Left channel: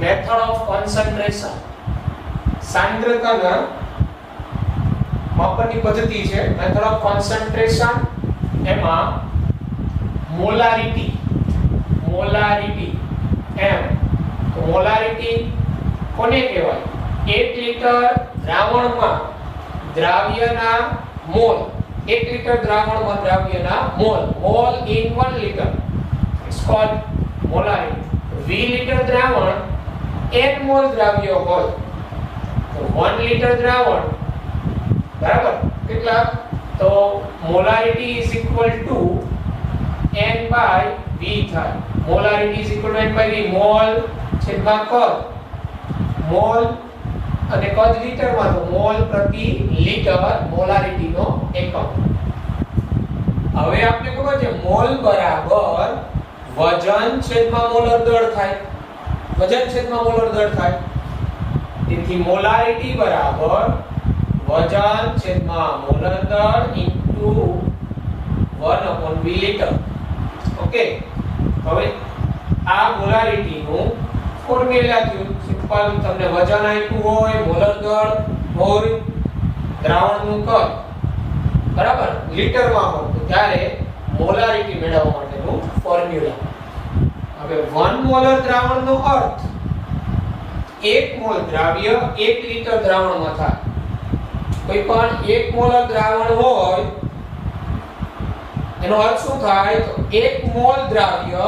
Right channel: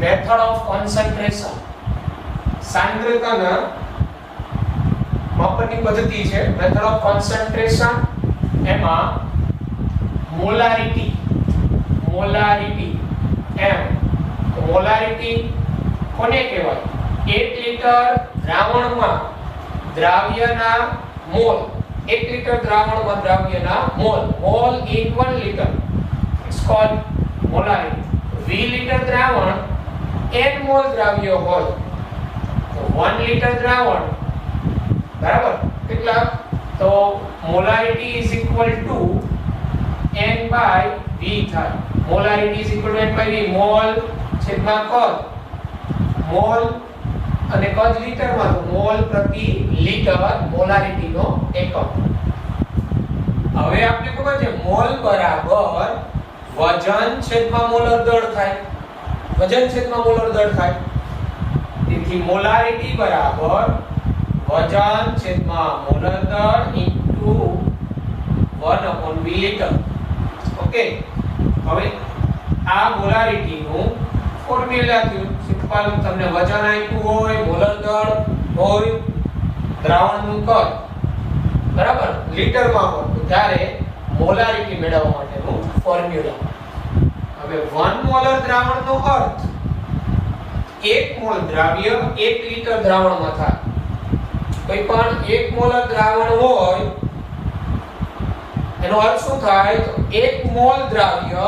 Method of concentration સાંદ્રતાના માપનની પદ્ધતિ છે મેથડ ઓફ કોન્સન્ટ્રેશન એમાં મોલારિટી એમ મોલારિટી કોને કહેવાય 1 લિટર દ્રાવણમાં દ્રાવ્યના મોલ 1 લિટર દ્રાવણમાં દ્રાવ્યના mole in 1 liter it's called molarity 2 litre દ્રાવણ n મોલ દ્રાવ્ય હોય તો 1 લિટર દ્રાવણ બરાબર કેટલા તો molarity is equal to n by v થાય molarity is equal to n by v mall છેદમાં કદ મોલ અને કદ લિટરમાં તો મોલ પ્રતિ લિટર મોલારિટી નો એકમ હવે આપણે ખબર છે મોલ બરાબર વજન છેદમાં મોલર દળ થાય વજન છેદમાં મોલર દળ થાય તેથી મોલારિટી બરાબર વજન છેદમાં મોલર દળ ઇન્ટુ 1/v લિટર ઓકે હવે આ મોલારિટી નું ફોર્મ્યુલા સિમ્પલ તમને વજન આપ્યું હોય મોલર દળ હોય દ્રાવણનું કદ બરાબર લિટરમાં હોય તો ત્યારે મોલારિટી મેળવવા માટેનું ફોર્મ્યુલા હવે 1 મોલર દ્રાવણનો અર્થ 1 મોલ દ્રાવ્ય 1 લિટર દ્રાવણમાં થાય કોઈ પણ 1 મોલર દ્રાવણ હોય એનો અર્થ શું થાય તો 1 મોલ દ્રાવ્ય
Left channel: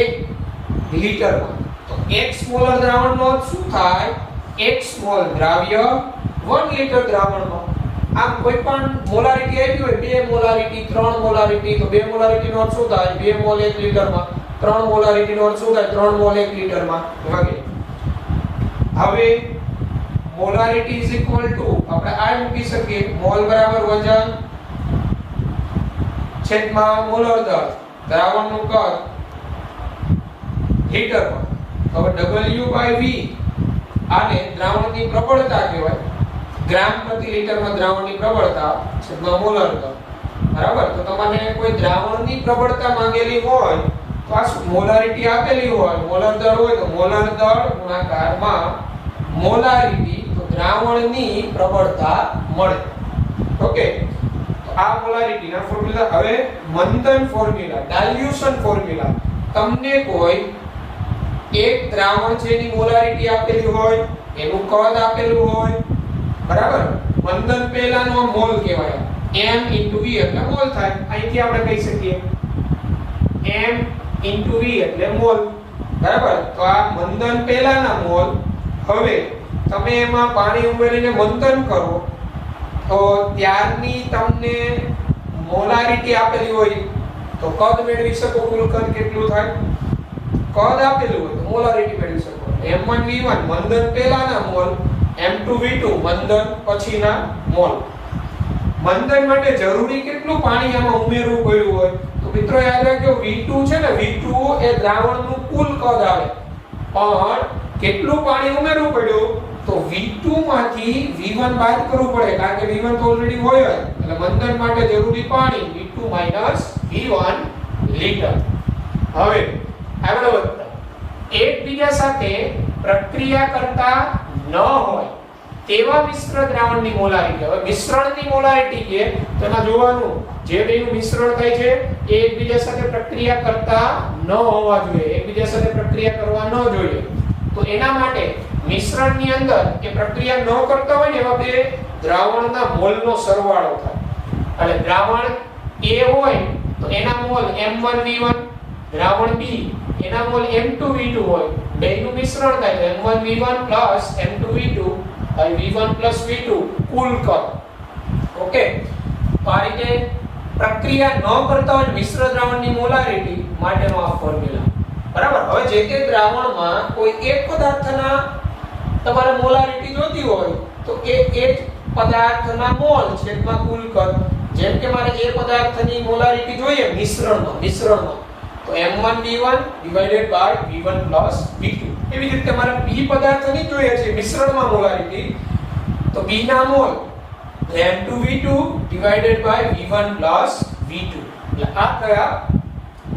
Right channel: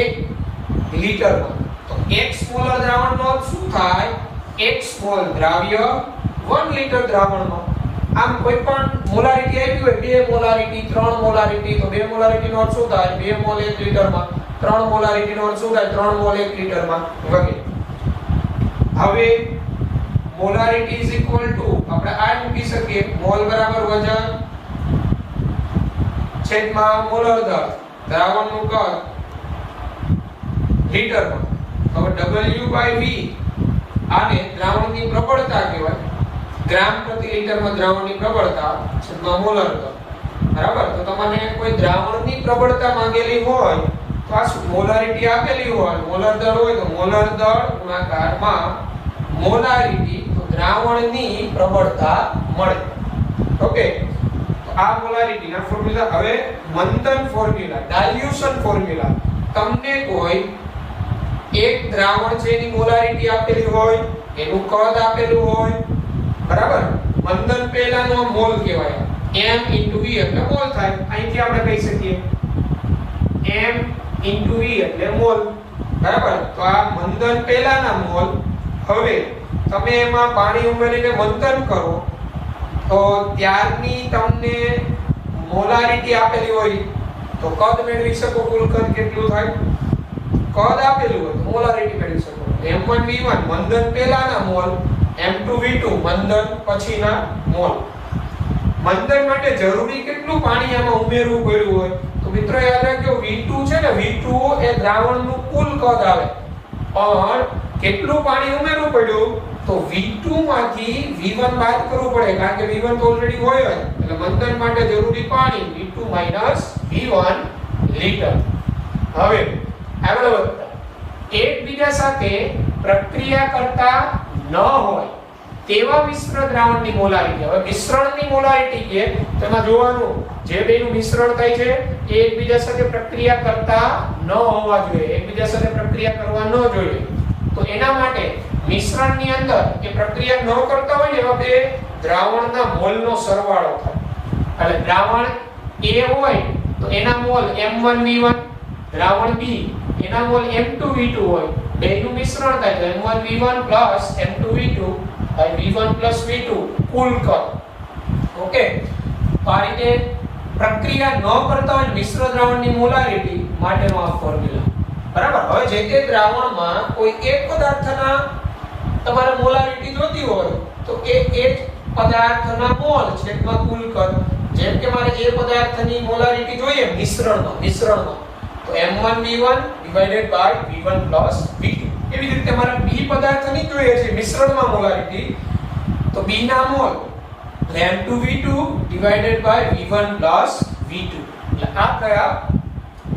1 લિટરમાં તો x મોલર દ્રાવણનો અર્થ શું થાય x મોલ દ્રાવ્ય 1 લિટર દ્રાવણમાં આમ કોઈ પણ મોલારિટી આવી હોય 2 મોલારિટી 3 મોલારિટી તો 2 મોલારિટી નો અર્થ શું થાય 2 મોલ 1 લિટરમાં 3 મોલારિટી નો અર્થ શું થાય 3 મોલ 1 લિટરમાં વગેરે હવે મોલારિટી ઇઝ ઇક્વલ ટુ આપણે આ મૂકી શકીએ મોલ બરાબર વજન છેદમાં મોલર દળ દ્રાવણનું કદ લિટરમાં હવે W/V આને દ્રાવણની પ્રબળતા કહેવાય ગ્રામ પ્રતિ લિટરમાં દ્રાવણની પ્રબળતા છેદમાં મોલર દળ બરાબર તો તમને કોઈ દ્રાવણની પ્રબળતા માંગેલી હોય તો આ મોલારિટી આપેલી હોય મોલર દળ હોય તો મોલર દળ ગુણાકારમાં મોલારિટી તો દ્રાવણની પ્રબળતા મળે ઓકે આ મોલારિટી ના ફોર્મ્યુલા હવે મંથન ફોર્મ્યુલા ડાયલ્યુશન ફોર્મ્યુલા તમને કોઈ એક દ્રાવણ છે એની મોલારિટી આપેલી હોય એનું કદ આપેલું હોય બરાબર મંથન પહેલાનો મોલ કહેવાય m * v એટલે મોલ થાય અહીંથી આપણે કહી શકીએ m * v એટલે મોલ બરાબર તો આ મંથન પહેલાના મોલ હવે તમે એમાં પાણી ઉમેરીને મંથન કરો તો ત્યારની તમને મોલારિટી આપેલી હોય તો કદ મેળવી શકો કુલ કદ કેટલું થાય કદ આપેલું હોય તો મોલારિટી મેળવી શકો m1v1 મંથન પહેલાના મોલ m2v2 મંથન પછીના મોલ મંથન માટે જરૂરી કેટલું પાણી આમાં ઉમેરવું પડ્યું હોય તો મિત્રો યાદ રાખજો v2 છે ને v2 એ દ્રાવણનું કુલ કદ આવે પણ કેટલું પાણી ઉમેરવું પડ્યું તો v2 માંથી v1 બાદ કરવું પડે કારણ કે v1 તો ઓલરેડી હોય જ એટલે મંથન માટે જરૂરી પાણી v2 v1 લિટર હવે આગળ વધતા એકબીજા સાથે પ્રક્રિયા કરતા ન હોય તેવા મિશ્ર દ્રાવણની મોલારિટી હવે મિશ્રણની મોલારિટી કે તેમાં જોવાનું જે બેનું મિશ્રણ થાય છે એ એકબીજા સાથે પ્રક્રિયા કરતા ન હોવા જોઈએ એકબીજા સાથે પ્રક્રિયા કરવા ન જોઈએ તો એના માટે મિશ્રણની અંદર કે પ્રક્રિયા ન કરતા હોય ને એવા બે દ્રાવણના મોલનો સરવાળો થાય એટલે દ્રાવણ A હોય તો એના મોલ m1v1 દ્રાવણ B એના મોલ m2v2 હોય બેનું મિશ્રણ થાય તો m1v1 m2v2 v1 v2 કુલ કદ ઓકે તો આ રીતે પ્રક્રિયા ન કરતા હોય મિશ્ર દ્રાવણની મોલારિટી માટેનો આ ફોર્મ્યુલા બરાબર હવે જે તે દ્રાવણમાં કોઈ એક પદાર્થના તમારે મોલારિટી જોતી હોય તો એ જ પદાર્થના મોલ છેદમાં કુલ કદ જેમ કે મારે એ પદાર્થની મોલારિટી જોઈએ મિશ્રણમાં તો m1v1 divided by v1 v2 એવી રીતે તમારે b પદાર્થની જોઈએ છે મિશ્રણમાં મોલારિટી તો b ના mall m2v2 divided by v1 v2 એટલે આ કયા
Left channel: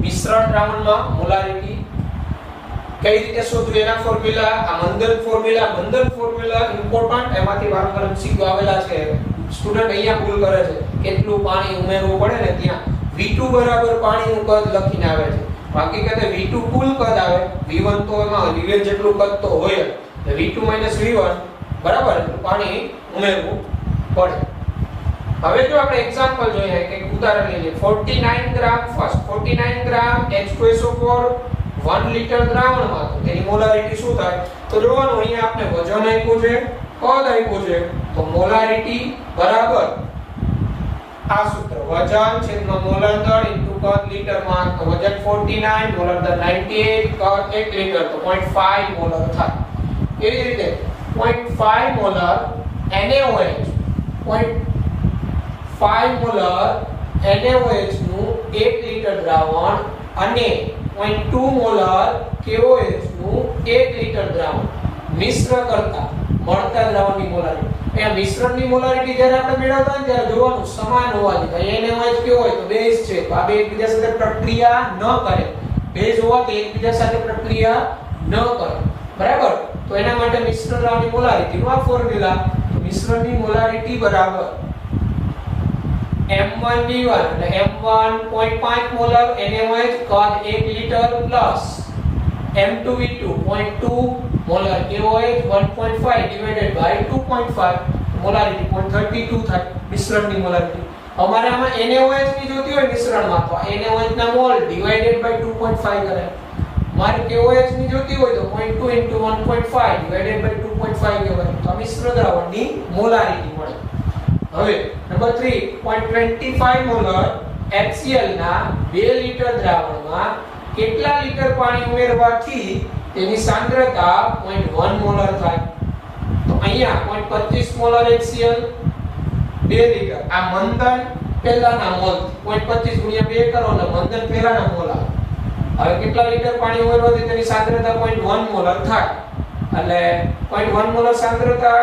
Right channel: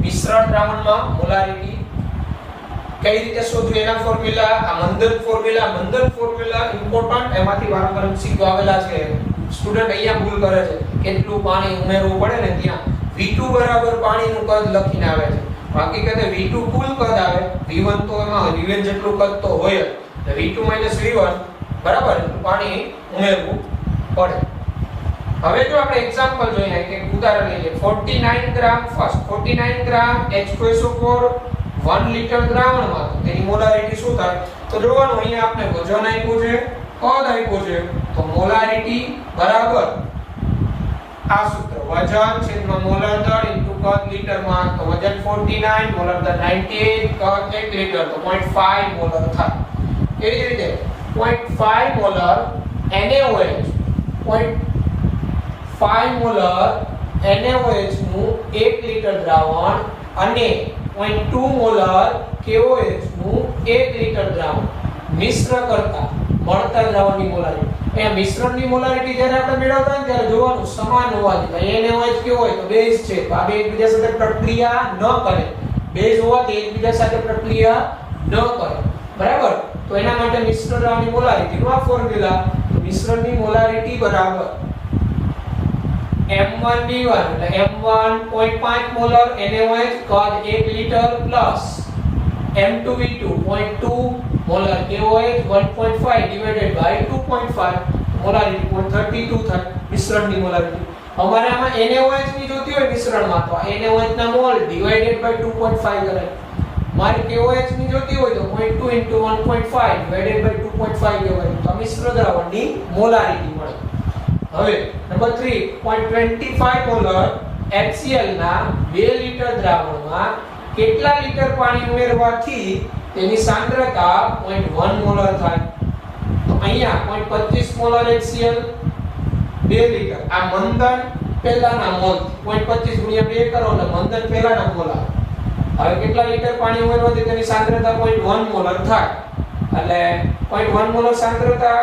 મિશ્રણ દ્રાવણમાં મોલારિટી કઈ રીતે શોધવું એના ફોર્મ્યુલા, આ મંદન ફોર્મ્યુલા ઇમ્પોર્ટન્ટ, એમાંથી વારંવાર MCQ આવેલા છે. સ્ટુડન્ટ અહીંયા ભૂલ કરે છે, કેટલું પાણી ઉમેરવું પડે ને ત્યાં V2 બરાબર પાણીનું કદ લખીને આવે છે. હકીકતે V2 કુલ કદ આવે, V1 તો એમાં V1 જેટલું કદ તો હોય જ. V2 V1 બરાબર પાણી ઉમેરવું પડે. હવે જો આપણે એક્ઝામ્પલ જોઈએ કે ઉદાહરણ લઈએ 49 ગ્રામ ફર્સ્ટ 49 ગ્રામ H2SO4 1 લિટર દ્રાવણમાં તેની મોલારિટી શું થાય? તો જોવાનું અહીંયા આપણે વજન આપ્યું છે, કદ આપ્યું છે, તો મોલારિટી બરાબર આ સૂત્ર વજન છેદમાં મોલર દર ઇન્ટુ કદ લિટરમાં. તો વજન 49, મોલર દર 98, કદ 1 લિટર તો 0.5 મોલર થાય. એવી રીતે 0.5 મોલર NaOH 0.5 મોલર NaOH નું 1 લિટર દ્રાવણ અને 0.2 મોલર KOH નું 1 લિટર દ્રાવણ મિશ્ર કરતા મળતા દ્રાવણની મોલારિટી. અહીંયા મિશ્રણની મોલારિટી જ્યારે આપણે મેળવતા ને ત્યારે જોવાનું સમાન હોવાની. તો NaOH કેવો હોય? તો બેઝ છે, તો આ બે એકબીજા સાથે પ્રક્રિયા ન કરે. બેઝ હોવાથી એકબીજા સાથે પ્રક્રિયા ન કરે, બરાબર? તો એના માટે મિશ્ર દ્રાવણની મોલારિટીનું આ ફોર્મ્યુલા. તો મિશ્રણની મોલારિટી બરાબર M1V1 એટલે M1 0.5 મોલર NaOH કદ 1 litre plus M2V2 0.2 molar KOH 1.5 divided by 2.5 molarity 0.32 થાય મિશ્રણની મોલારિટી. અમારે આમાં NaOH ની જોતી હોય મિશ્રણમાં તો NaOH ના મોલ ડિવાઇડેડ બાય 2.5 કરે. મારે KOH ની જોતી હોય તો 0.2 into 1.5 ડિવાઇડેડ બાય 2.5 લેવાય. તો મિશ્ર દ્રાવણની મોલારિટી મળે. હવે નંબર 3 0.25 મોલર HCl ના 2 લિટર દ્રાવણમાં કેટલા લિટર પાણી ઉમેરવાથી તેની સાંદ્રતા 0.1 મોલર થાય? તો અહીંયા 0.25 મોલર HCl 2 લિટર. આ મંદન પહેલાના મોલ 0.25 ગુણ્યા 2 કરો એટલે મંદન પહેલાના મોલ આવે. હવે કેટલા લિટર પાણી ઉમેરવાથી તેની સાંદ્રતા 0.1 મોલર થાય? એટલે 0.1 મોલર સાંદ્રતા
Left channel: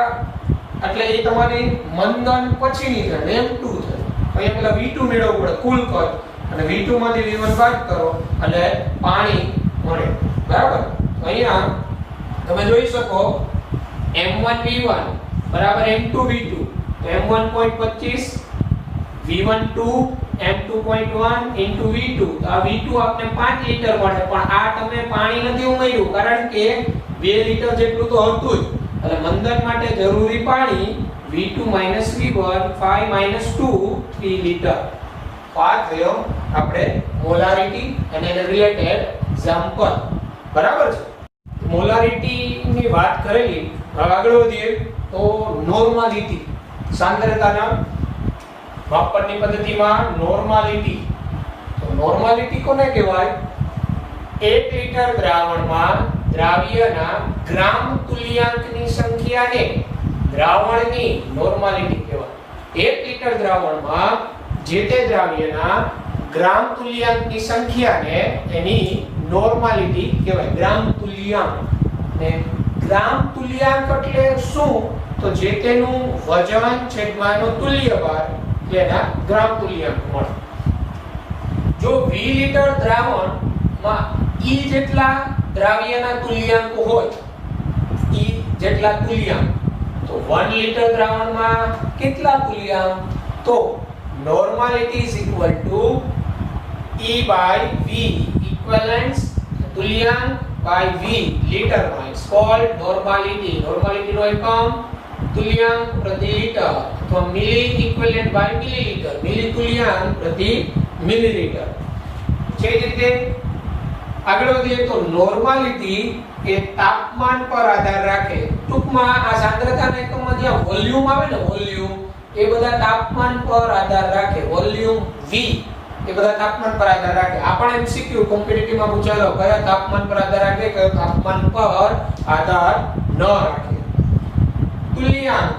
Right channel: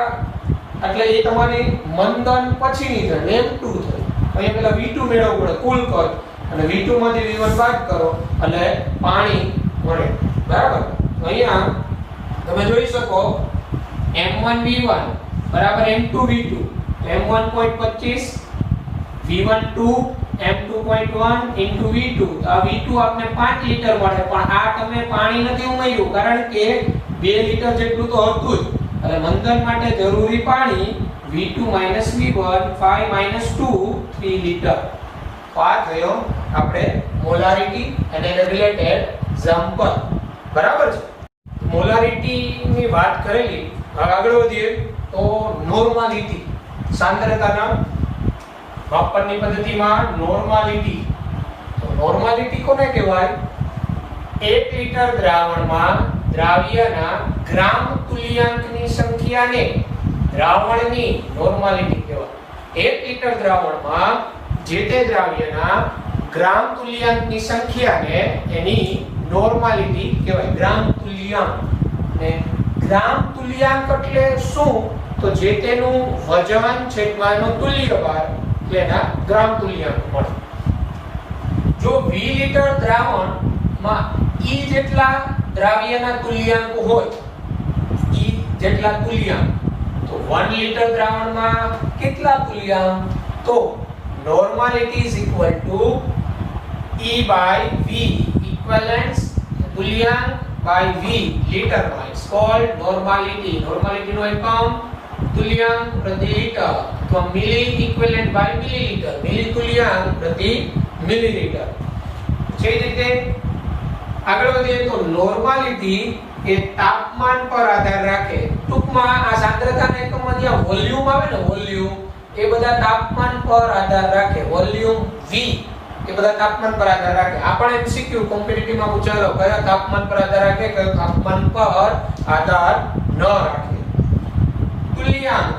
એટલે એ તમારી મંદન પછીની થાય M2 થાય. અહીંયા પેલા V2 મેળવવું પડે કુલ કદ અને V2 માંથી V1 બાદ કરો એટલે પાણી મળે, બરાબર? અહીંયા તમે જોઈ શકો M1V1 બરાબર M2V2 M1 0.25 V1 2 M2.1 into V2. આ V2 આપને 5 લિટર મળે, પણ આ તમે પાણી નથી ઉમેર્યું કારણ કે 2 લિટર જેટલું તો હતું જ. એટલે મંદન માટે જરૂરી પાણી V2 V1 5 2 3 લિટર. આ થયો આપણે મોલારિટી અને રિલેટેડ એક્ઝામ્પલ, બરાબર છે? મોલારિટી ની વાત કરેલી. આગળ વધીએ તો નોર્માલિટી, સાંદ્રતાના માપનની પદ્ધતિમાં નોર્માલિટી. તો નોર્માલિટી કોને કહેવાય? 1 લિટર દ્રાવણમાં દ્રાવ્યના ગ્રામ તુલ્યાંકની સંખ્યાને દ્રાવણની નોર્માલિટી કહેવાય. 1 લિટર દ્રાવણમાં જે તે દ્રાવ્યના ગ્રામ તુલ્યાંકની સંખ્યાને એની નોર્માલિટી કહેવાય. ગ્રામ તુલ્યાંક. ને ગ્રામ તુલ્યાંક એટલે શું? તો જે તેનું વજન છેદમાં એનો તુલ્ય ભાર એટલે એના ગ્રામ તુલ્યાંક મળે. જો 20 લિટર દ્રાવણમાં E જેટલા દ્રાવ્યના તુલ્યાંક હોય, E જેટલા તુલ્યાંક, તો 1 લિટર દ્રાવણમાં કેટલા તુલ્યાંક? તો normality is equal to E by V, equivalence તુલ્યાંક by V liter માં is called normality. Normality નો એકમ તુલ્યાંક પ્રતિ લિટર. તો મિલી ઇક્વિવેલન્ટ by મિલીલીટર, મિલી તુલ્યાંક પ્રતિ મિલીલીટર. છે રીતે આગળ વધીએ તો નોર્માલિટી એ તાપમાન પર આધાર રાખે. ટૂંકમાં આ સાંદ્રતાના એકમમાં જે વોલ્યુમ આવે ને, વોલ્યુમ એ બધા તાપમાન પર આધાર રાખે. વોલ્યુમ V એ બધા તાપમાન પર આધાર રાખે. આપણે MCQ કોમ્પિટિટિવ માં પૂછાયેલો કયા તાપમાન પર આધાર રાખે, કયા તાપમાન પર આધાર ન રાખે. તુલ્યાંક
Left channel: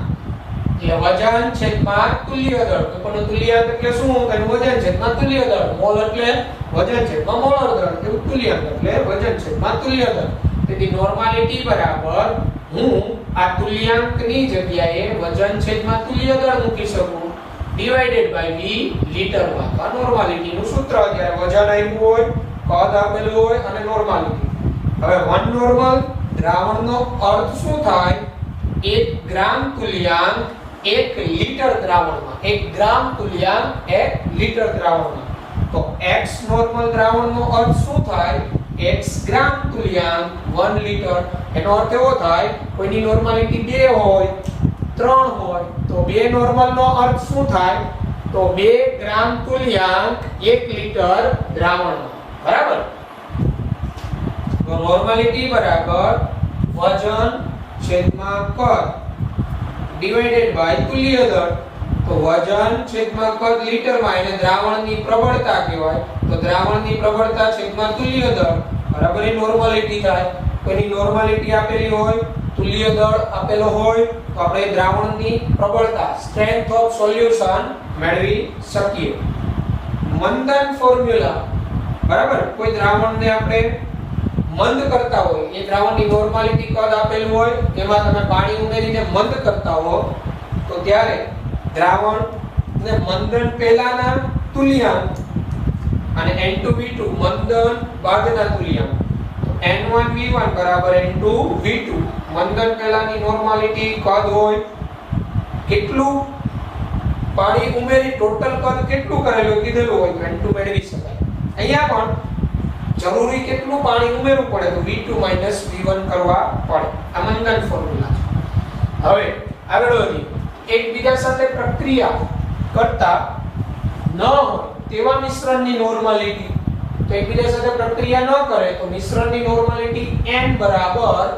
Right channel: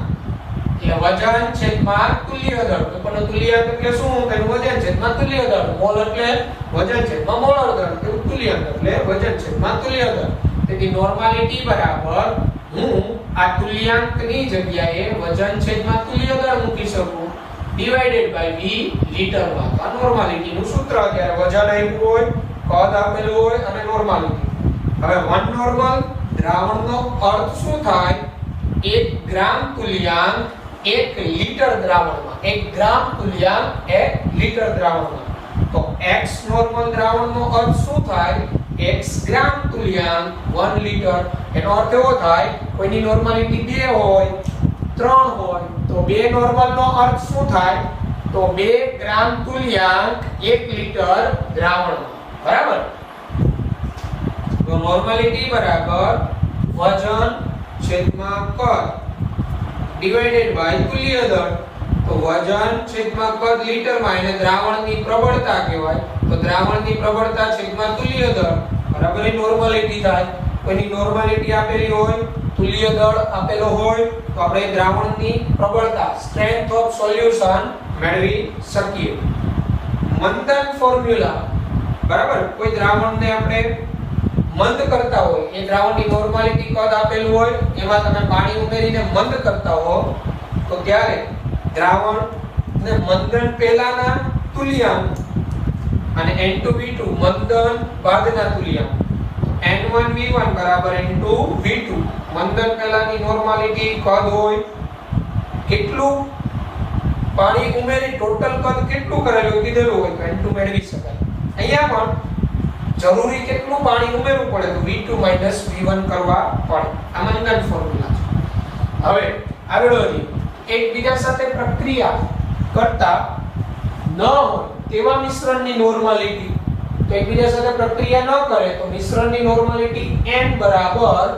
એટલે વજન છેદમાં તુલ્ય દળ. તો પણ તુલ્યાંક એટલે શું? તેનું વજન છેદમાં તુલ્ય દળ. મોલ એટલે વજન છેદમાં મોલર દળ. તેવું તુલ્યાંક એટલે વજન છેદમાં તુલ્ય દળ. તેથી નોર્માલિટી બરાબર હું આ તુલ્યાંકની જગ્યાએ વજન છેદમાં તુલ્ય દળ મૂકી શકું ડિવાઇડેડ બાય V લિટરમાં. આ નોર્માલિટી નું સૂત્ર છે. વજન આપ્યું હોય, કદ આપેલું હોય અને નોર્માલિટી. હવે 1 નોર્મલ દ્રાવણનો અર્થ શું થાય? 1 ગ્રામ તુલ્યાંક 1 લિટર દ્રાવણમાં, 1 ગ્રામ તુલ્યાંક 1 લિટર દ્રાવણમાં. તો x નોર્મલ દ્રાવણનો અર્થ શું થાય? x ગ્રામ તુલ્યાંક 1 લિટર. એનો અર્થ એવો થાય કોઈની નોર્માલિટી 2 હોય 3 હોય તો 2 નોર્મલ નો અર્થ શું થાય? તો 2 ગ્રામ તુલ્યાંક 1 લિટર દ્રાવણમાં. બરાબર? તો નોર્માલિટી બરાબર વજન છેદમાં કદ ડિવાઇડેડ બાય તુલ્ય દર. તો વજન છેદમાં કદ લીટરમાં એને દ્રાવણની પ્રબળતા કહેવાય. તો દ્રાવણની પ્રબળતા છેદમાં તુલ્ય દર બરાબર એ નોર્માલિટી થાય. કોઈની નોર્માલિટી આપેલી હોય, તુલ્ય દળ આપેલો હોય તો આપણે દ્રાવણની પ્રબળતા સ્ટ્રેન્થ ઓફ સોલ્યુશન મેળવી શકીએ. મંદન ફોર્મ્યુલા બરાબર. કોઈ દ્રાવણને આપણે મંદ કરતા હોય, એ દ્રાવણની નોર્માલિટી કદ આપેલું હોય, એમાં તમે પાણી ઉમેરીને મંદ કરતા હો તો ત્યારે દ્રાવણ ને મંદન પહેલાના તુલ્યાંક અને N2V2 મંદન બાદના તુલ્યાંક. N1V1 બરાબર N2V2. મંદન પહેલાની નોર્માલિટી કદ હોય કેટલું પાણી ઉમેરી ટોટલ કદ કેટલું કરેલું કીધેલું હોય N2 મેળવી શકાય. અહીંયા પણ જરૂરી કેટલું પાણી ઉમેરવું પડે તો V2 V1 કરવા પડે. આ મંદન ફોર્મ્યુલા છે. હવે આગળ વધી એકબીજા સાથે પ્રક્રિયા કરતા ન હોય તેવા મિશ્રણની નોર્માલિટી. તો એકબીજા સાથે પ્રક્રિયા ન કરે તો મિશ્રણની નોર્માલિટી n બરાબર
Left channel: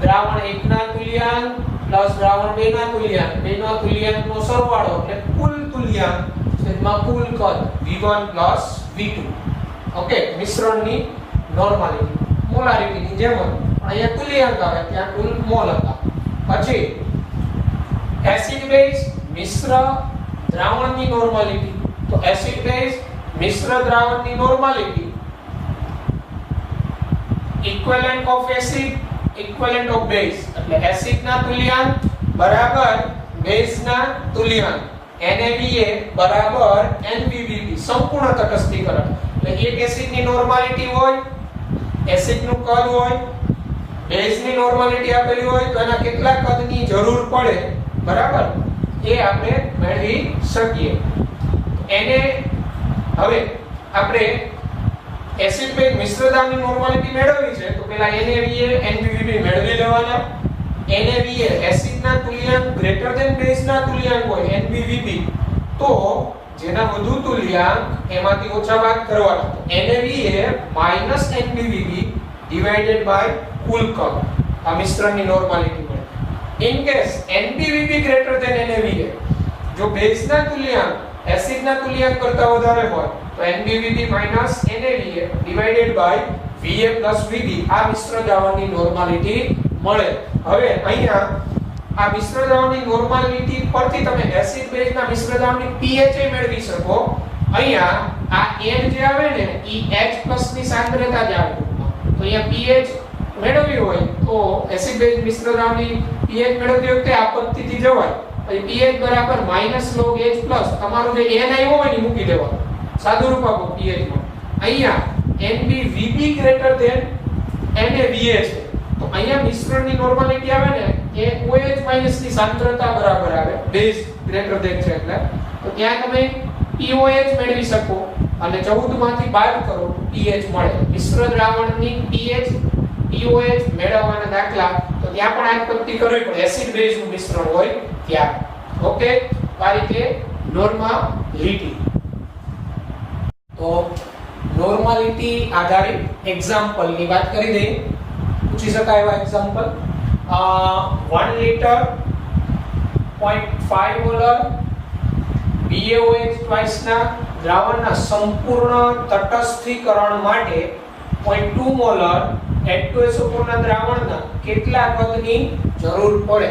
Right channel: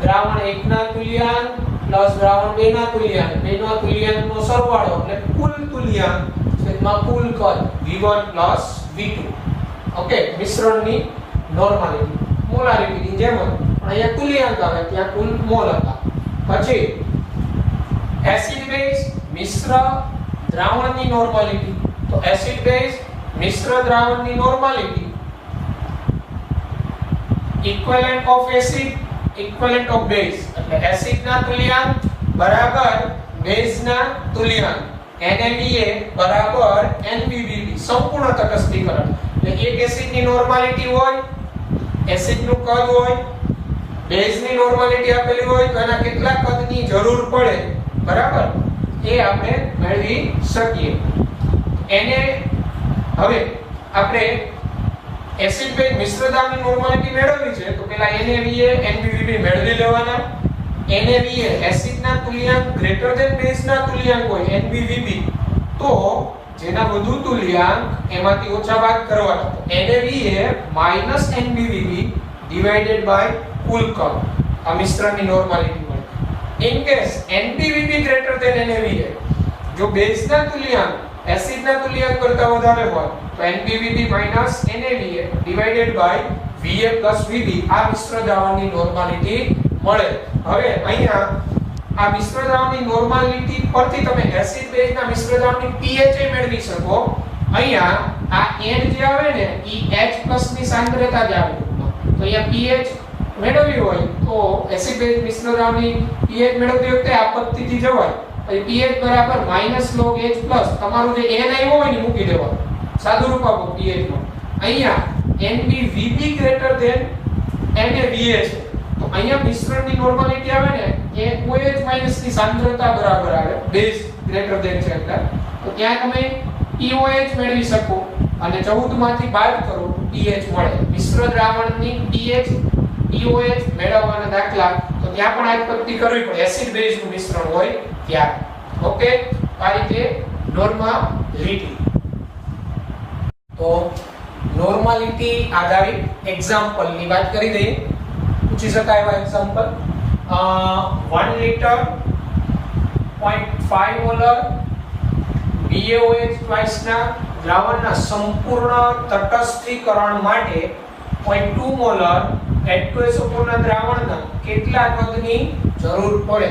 દ્રાવણ 1 ના તુલ્યાંક પ્લસ દ્રાવણ 2 ના તુલ્યાંક, બેના તુલ્યાંકનો સરવાળો એટલે કુલ તુલ્યાંક છેદમાં કુલ કદ V1 V2. ઓકે, મિશ્રણની નોર્માલિટી મોલારિટીની જેમ પણ અહીંયા તુલ્યાંક આવે ત્યાં કુલ મોલ હતા. પછી એસિડ બેઝ મિશ્ર દ્રાવણની નોર્માલિટી. તો એસિડ બેઝ મિશ્ર દ્રાવણની normality equivalent of acid equivalent of base એટલે એસિડ ના તુલ્યાંક બરાબર બેઝ ના તુલ્યાંક. NaVa બરાબર NbVb સંપૂર્ણ તટસ્થીકરણ. એટલે એક એસિડની નોર્માલિટી હોય, એસિડનું કદ હોય, બેઝની નોર્માલિટી આપેલી હોય તો એના કેટલા કદની જરૂર પડે બરાબર એ આપણે મેળવી શકીએ. એને હવે આપણે એસિડ બેઝ મિશ્ર દ્રાવણની નોર્માલિટી મેળવવી છે તો પહેલા NaVa NbVb મેળવી લેવાના. NaVa એસિડના તુલ્યાંક ગ્રેટર ધેન બેઝના તુલ્યાંક હોય NbVb તો જેના વધુ તુલ્યાંક એમાંથી ઓછા બાદ કરવાના. NaVa NbVb ડિવાઇડેડ બાય કુલ કદ આ મિશ્રણની નોર્માલિટી મળે. In case NbVb greater than NaVa જો બેઝના તુલ્યાંક એસિડના તુલ્યાંક કરતા વધારે હોય તો NbVb NaVa divided by Va Vb આ મિશ્ર દ્રાવણની નોર્માલિટી મળે. હવે અહીંયા આ મિશ્ર દ્રાવણની નોર્માલિટી પરથી તમે એસિડ બેઝના મિશ્ર દ્રાવણની pH મેળવી શકો. અહીંયા આ N જે આવે ને ઈ H+ ની સાંદ્રતા જ આવે. તો અહીંયા pH મેળવવી હોય તો એસિડ બેઝ મિશ્ર દ્રાવણની pH મેળવતી વખતે આ પદ્ધતિથી જવાય. pH બરાબર -log H+ તમારું જે N આવ્યો હોય ને મૂકી દેવાનું. સાદું રૂપ આપો pH માં. અહીંયા NbVb ગ્રેટર ધેન NaVa છે તો અહીંયા મિશ્રણની નોર્માલિટી આવે ને એ OH- ની સાંદ્રતા બરાબર આવે. બેઝ ગ્રેટર ધેન છે એટલે તો ત્યાં તમે POH મેળવી શકો અને 14 માંથી બાદ કરો તો pH મળે. મિશ્ર દ્રાવણની pH POH મેળવવાના દાખલા તો ત્યાં પણ આ પદ્ધતિ કરવી પડે એસિડ બેઝનું મિશ્રણ હોય ત્યારે. ઓકે, આ રીતે નોર્માલિટી. તો નોર્માલિટી આધારિત એક્ઝામ્પલ ની વાત કરી દઈએ. પૂછી શકાય એવા example 1 litre 0.5 molar BaOH twice ના દ્રાવણના સંપૂર્ણ તટસ્થીકરણ માટે 0.2 મોલર H2SO4 ના દ્રાવણના કેટલા કદની જરૂર પડે?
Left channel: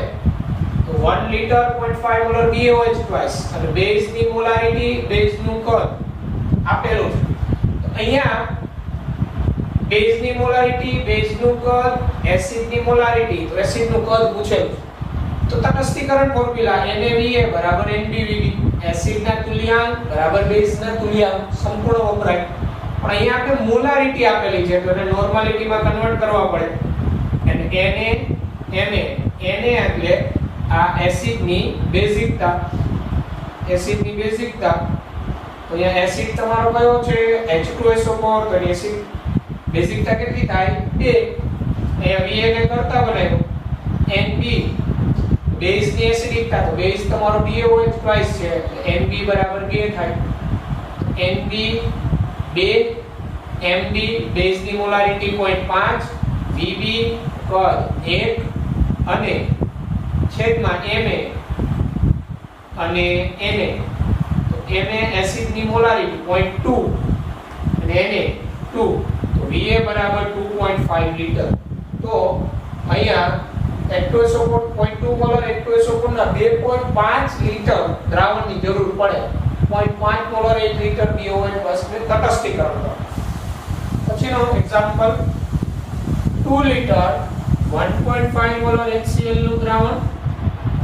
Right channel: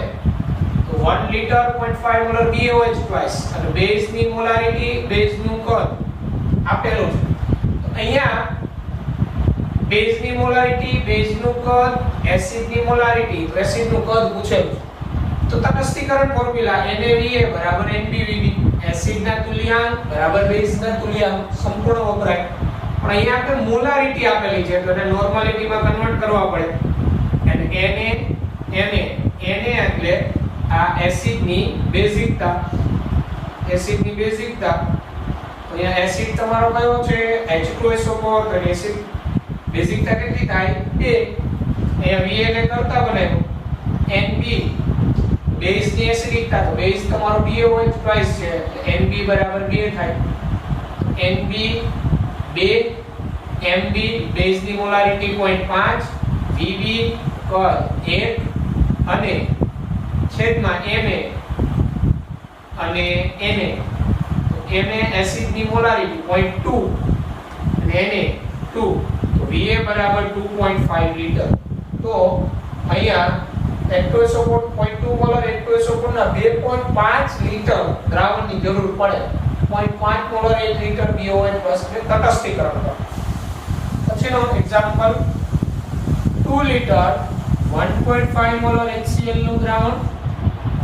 તો 1 લિટર 0.5 મોલર BaOH ટ્વાઇસ અને બેઝની મોલારિટી બેઝનું કદ આપેલું છે. અહીંયા બેઝની મોલારિટી બેઝનું કદ એસિડની મોલારિટી તો એસિડનું કદ પૂછેલું તો તટસ્થીકરણ ફોર્મ્યુલા NaVa બરાબર NbVb એસિડના તુલ્યાંક બરાબર બેઝના તુલ્યાંક સંપૂર્ણ વપરાય. પણ અહીંયા આપણે મોલારિટી આપેલી છે તો એને નોર્માલિટીમાં કન્વર્ટ કરવા પડે એટલે Na એટલે આ એસિડની બેઝિકતા તો અહીંયા એસિડ તમારો કયો છે H2SO4 તો એસિડ બેઝિકતા કેટલી થાય 2 અહીંયા Va ને કરતા બનાવ્યું Nb બેઝ ની એસિડિકતા તો બેઝ તમારો BOH ટ્વાઇસ છે એટલે Nb બરાબર 2 થાય Nb 2 Mb બેઝ ની મોલારિટી 0.5 Bb કદ 1 અને છેદમાં Ma અને Na તો Ma એસિડ ની મોલારિટી 0.2 અને Na 2 તો Va બરાબર 2.5 લિટર તો અહીંયા H2SO4 0.2 મોલર H2SO4 ના 2.5 લિટર દ્રાવણની જરૂર પડે 0.5 મોલર 1 લિટર BOH બસને તટસ્થીકરણ કરો પછીનો એક્ઝામ્પલ 2 લિટર 1.5 મોલર HCl નું દ્રાવણ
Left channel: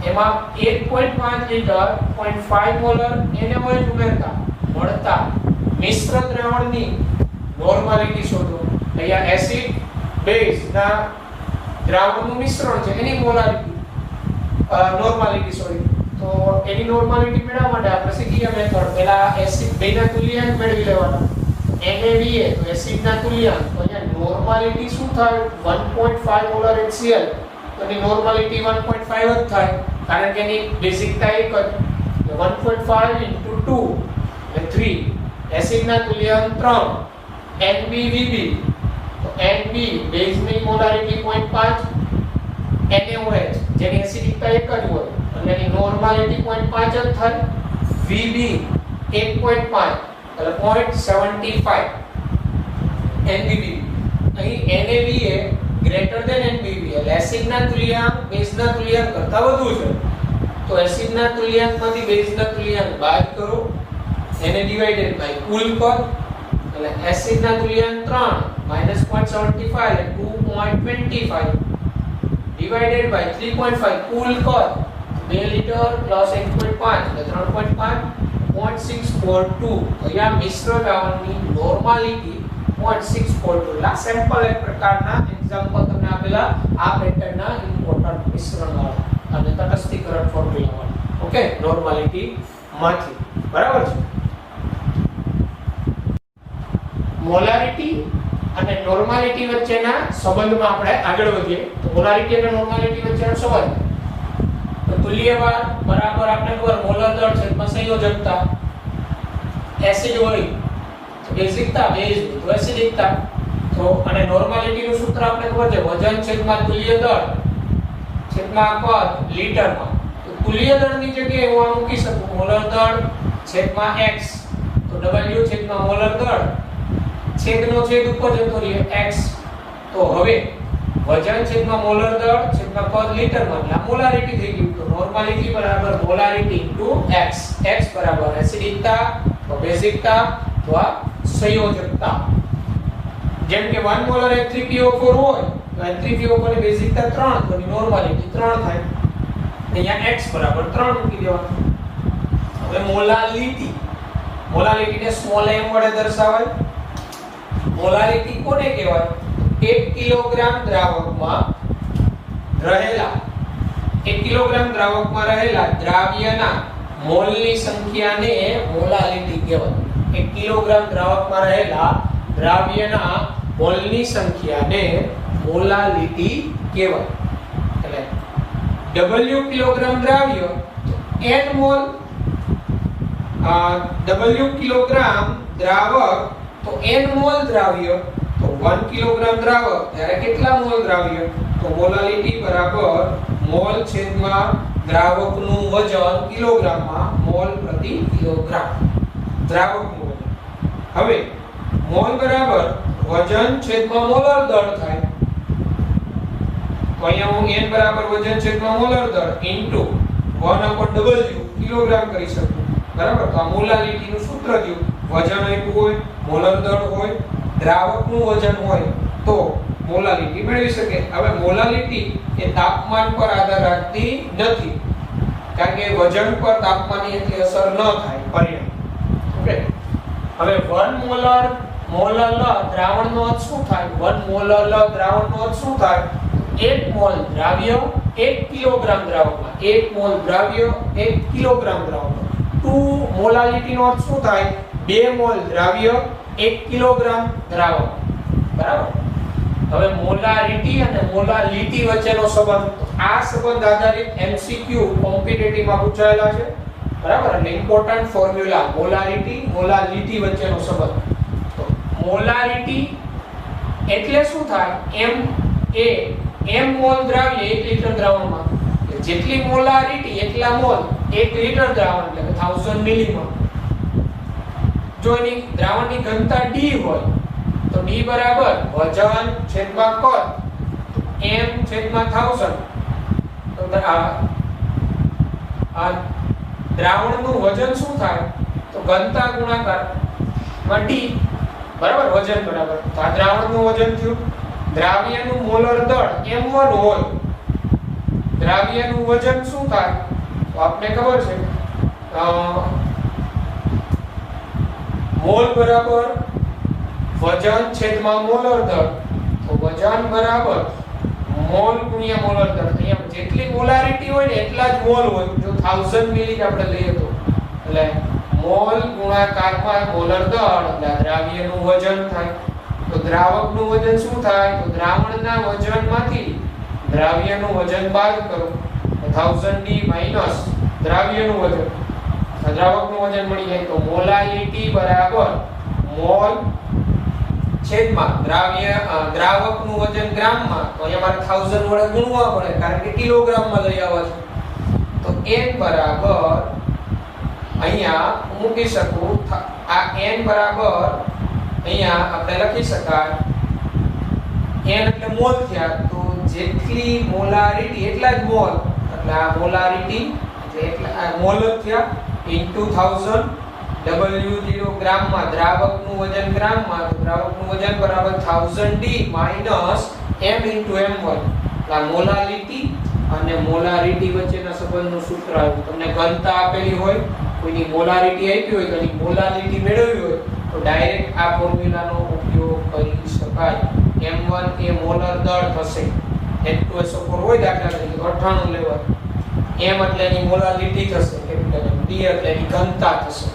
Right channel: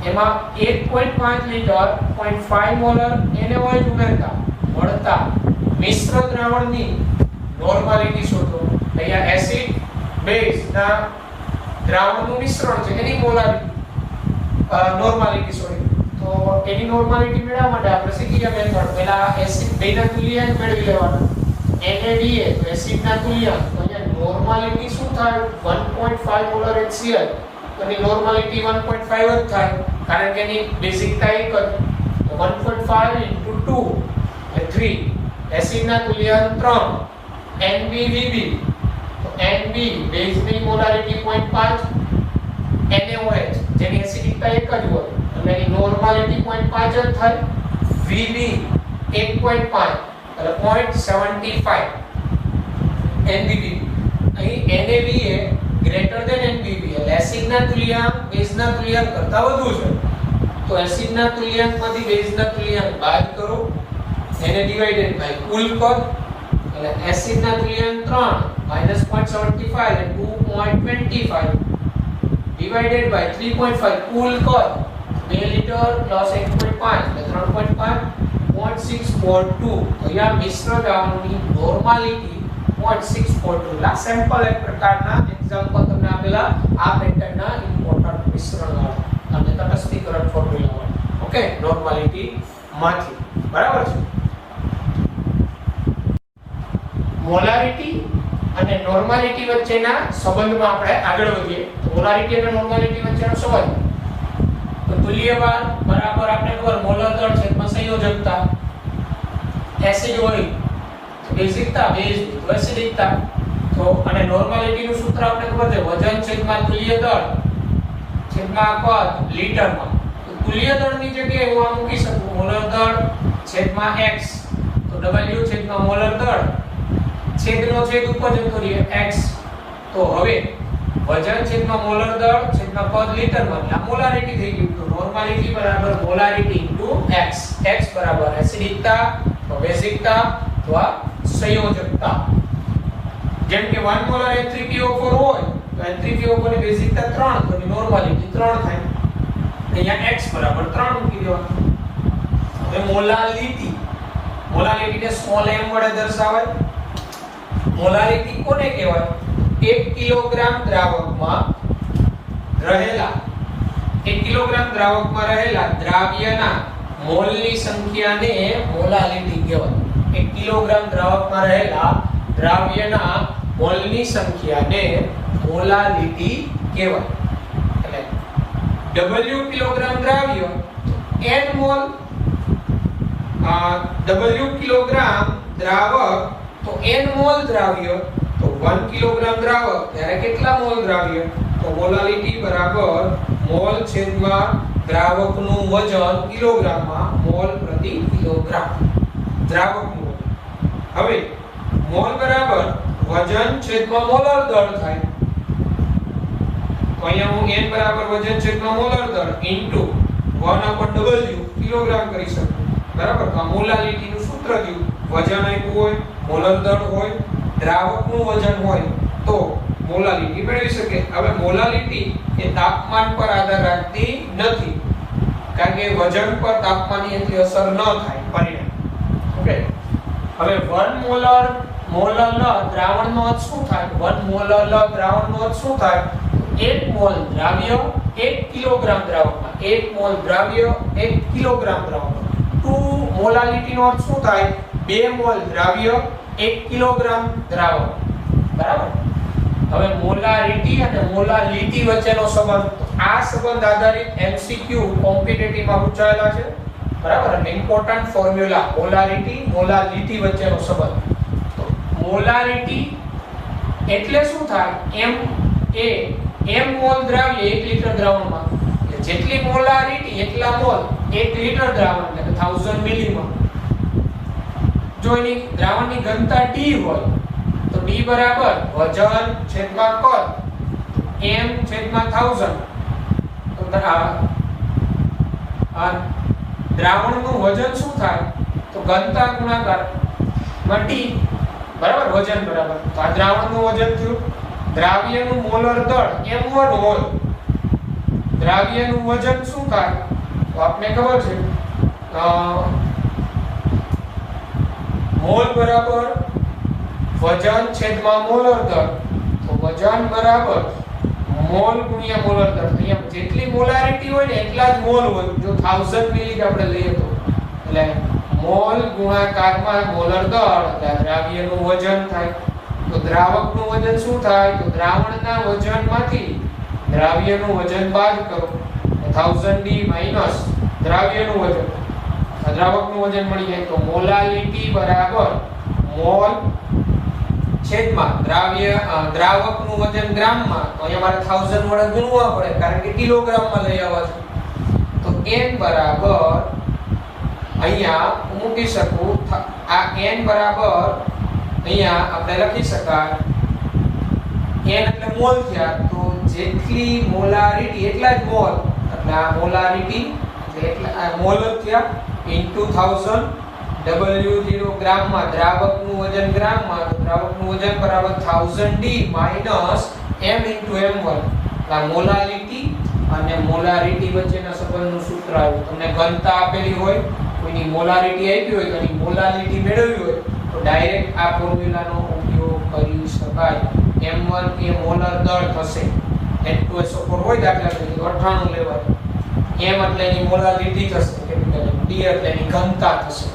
એમાં 1.5 લિટર 0.5 મોલર NaOH ઉમેરતા મળતા મિશ્ર દ્રાવણની નોર્માલિટી શોધો અહીંયા એસિડ બેઝ ના દ્રાવણનું મિશ્રણ છે એની મોલારિટી નોર્માલિટી શોધો તો એની નોર્માલિટી મેળવવા માટે આપણે શીખીએ મેથડ પહેલા એસિડ બેના તુલ્યાંક મેળવી લેવાના NaVa તો એસિડના તુલ્યાંક તો અહીંયા નોર્માલિટી શું થાય 1.5 મોલર HCl તો એની નોર્માલિટી 1.5 જ થાય કારણ કે એની બેઝિકતા એક જ 1.5 into 2 એટલે 3 એસિડના તુલ્યાંક 3 NbVb તો Nb બેઝની મોલારિટી 0.5 NaOH જેની એસિડિકતા એક જ હોય એટલે એની નોર્માલિટી 0.5 જ થાય Vb 1.5 એટલે 0.75 NbVb અહીં NaVa ગ્રેટર ધેન NbVb એટલે એસિડના તુલ્યાંક બેઝના તુલ્યાંક કરતા વધુ છે તો એસિડના તુલ્યાંકમાંથી બેઝના તુલ્યાંક બાદ કરો એને ડિવાઇડેડ બાય કુલ કર એટલે એસિડના તુલ્યાંક 3 -0.75 એટલે 2.25 ડિવાઇડેડ બાય 3.5 કુલ કર 2 લિટર પ્લસ 1.5 એટલે 3.5 0.642 અહીંયા મિશ્ર દ્રાવણની નોર્માલિટી 0.642 એટલે સેમ્પલ એક પ્રકારના એક્ઝામ્પલ તમને આપેલા આ પેટર્નના ઇમ્પોર્ટન્ટ મિશ્રણ વાળા અને તટસ્થીકરણ ફોર્મ્યુલા વાળા ઓકે નોર્માલિટી માંથી બરાબર છે મોલારિટી અને નોર્માલિટી વચ્ચેના સંબંધમાં આપણે આગળ વધીએ તો મોલારિટી અને નોર્માલિટી વચ્ચેનો સંબંધ તો તુલ્યભાર બરાબર આપણે ખબર મોલર દળ છેદમાં સંયોજકતા એસિડ હોય તો બેઝિકતા બેઝ તો એસિડિકતા તો અને નોર્માલિટી નું સૂત્ર આપણે ખબર છે વજન છેદમાં તુલ્ય દળ છેદમાં કદ લીટરમાં તો તુલ્ય દળની જગ્યાએ હું આ મૂકી શકું મોલર દળ છેદમાં x તો W છેદમાં મોલર દળ છેદનો છેદ ઉપર જતો રહે x તો હવે વજન છેદમાં મોલર દળ છેદમાં કદ લીટરમાં આ મોલારિટી થઈ ગયું તો નોર્માલિટી બરાબર મોલારિટી ઇન્ટુ x x બરાબર એસિડિકતા તો બેઝિકતા તો આ સંયોજકતા જેમ કે 1 મોલર H3PO4 હોય તો H3PO4 ની બેઝિકતા 3 તો એની નોર્માલિટી 3 થાય અહીંયા x બરાબર 3 મૂકી દેવાનું હવે મોલાલિટીને સ્મોલ m વડે દર્શાવાય મોલારિટી કોને કહેવાય 1 કિલોગ્રામ દ્રાવકમાં રહેલા દ્રાવ્યના મોલની સંખ્યાને મોલાલિટી કહેવાય 1 કિલોગ્રામ દ્રાવકમાં રહેલા દ્રાવ્યના મોલની સંખ્યાને મોલાલિટી કહેવાય એટલે W કિલોગ્રામ દ્રાવ્ય n મોલ W કિલોગ્રામ દ્રાવક તો n મોલ દ્રાવ્ય તો 1 કિલોગ્રામ દ્રાવક ત્યારે કેટલા મોલ દ્રાવ્ય તો મોલાલિટી બરાબર મોલ છેદમાં દ્રાવકનું વજન કિલોગ્રામમાં મોલ પ્રતિ કિલોગ્રામ દ્રાવકનું હવે મોલ બરાબર વજન છેદમાં મોલર દળ થાય તો અહીંયા હું n બરાબર વજન છેદમાં મોલર દળ ઇન્ટુ 1/W કિલોગ્રામ કરી શકું બરાબર તો આ મોલાલિટી નું સૂત્ર થયું વજન આપ્યું હોય મોલર દળ હોય દ્રાવકનું વજન હોય તો મોલાલિટી મેળવી શકે હવે મોલાલિટી એ તાપમાન પર આધાર રાખતી નથી કારણ કે વજન પર તાપમાનની એટલી અસર ન થાય પરિણામ ઓકે હવે 1 મોલર મોલ લ દ્રાવણનો અર્થ શું થાય? 1 મોલ લ દ્રાવણનો અર્થ શું થાય? 1 મોલ દ્રાવ્ય 1 કિલોગ્રામ દ્રાવકમાં. 1 મોલ દ્રાવ્ય 1 કિલોગ્રામ દ્રાવકમાં. 2 મોલાલિટીનો અર્થ શું થાય? 2 મોલ દ્રાવ્ય 1 કિલોગ્રામ દ્રાવક. બરાબર. હવે મોલારિટી અને મોલાલિટી વચ્ચેનો સંબંધ, આ સંબંધ આધારિત એમસીક્યુ કોમ્પિટિટિવ માં પૂછાયેલા છે. બરાબર. અને ઇમ્પોર્ટન્ટ ફોર્મ્યુલા મોલારિટી મોલાલિટી વચ્ચેનો સંબંધ. તો મોલારિટી એટલે શું થાય? m મોલ દ્રાવ્ય 1 લિટર દ્રાવણમાં, જેટલી મોલારિટી એટલા મોલ 1 લિટર દ્રાવણ એટલે 1000 મિલીમાં. જો એની દ્રાવણની ઘનતા d હોય તો d બરાબર વજન છેદમાં કદ m છેદમાં 1000. તો આ દ્રાવણનું વજન શું થાય? તો ઘનતા ગુણાકાર માં d. બરાબર. વજન બરાબર. તો આ દ્રાવણનું વજન થયું. દ્રાવ્યનું મોલર દળ m1 હોય, દ્રાવ્યનું વજન શું થાય? તો આપણે ખબર છે મોલ બરાબર વજન છેદમાં મોલર દળ. તો વજન બરાબર મોલ ગુણ્યા મોલર દળ. અહીંયા જેટલી મોલારિટી હોય ને એટલા જ મોલ હોય. જો 1000 મિલી આપણે લઈએ તો એટલે મોલ ગુણાકારમાં મોલર દળ એટલે દ્રાવ્યનું વજન થાય. તો દ્રાવકનું વજન શું થાય? તો દ્રાવણના વજનમાંથી દ્રાવ્યનું વજન બાદ કરો તો 1000d માઈનસ દ્રાવ્યનું વજન. દ્રાવકનું વજન મળી જાય તો મોલાલિટી બરાબર મોલ છેદમાં દ્રાવકનું વજન ગ્રામમાં. તો અહીંયા મારે 1000 વડે ગુણવા પડે કારણ કે કિલોગ્રામમાં લઈ આવવા છે. તો n બરાબર અહીંયા મૂકી શકું. આ n બરાબર અહીંયા આપણે લખી શકાય n એટલે મોલ થયા. તો જેટલી મોલારિટી એટલા જ મોલ. એટલે આ મોલારિટી એટલા મોલ થયા ઇન્ટુ 1000 W0 ગ્રામમાં. દ્રાવકનું વજન ગ્રામમાં. દ્રાવકનું વજન બરાબર 1000d minus m into m1. આ મોલાલિટી અને મોલારિટી વચ્ચેના સંબંધનું સૂત્ર આવ્યું. તમને ઘનતા આપેલી હોય, કોઈની મોલારિટી આપી હોય, કોઈની મોલાલિટી મેળવવી હોય તો ડાયરેક્ટ આ ફોર્મ્યુલાનો ઉપયોગ કરી શકાય. m1 એ મોલર દળ થશે. H2SO4 હોય દાખલા તરીકે 98 લેવાય. m એટલે એની મોલાલિટી થશે, d એટલે એની ઘનતા થશે.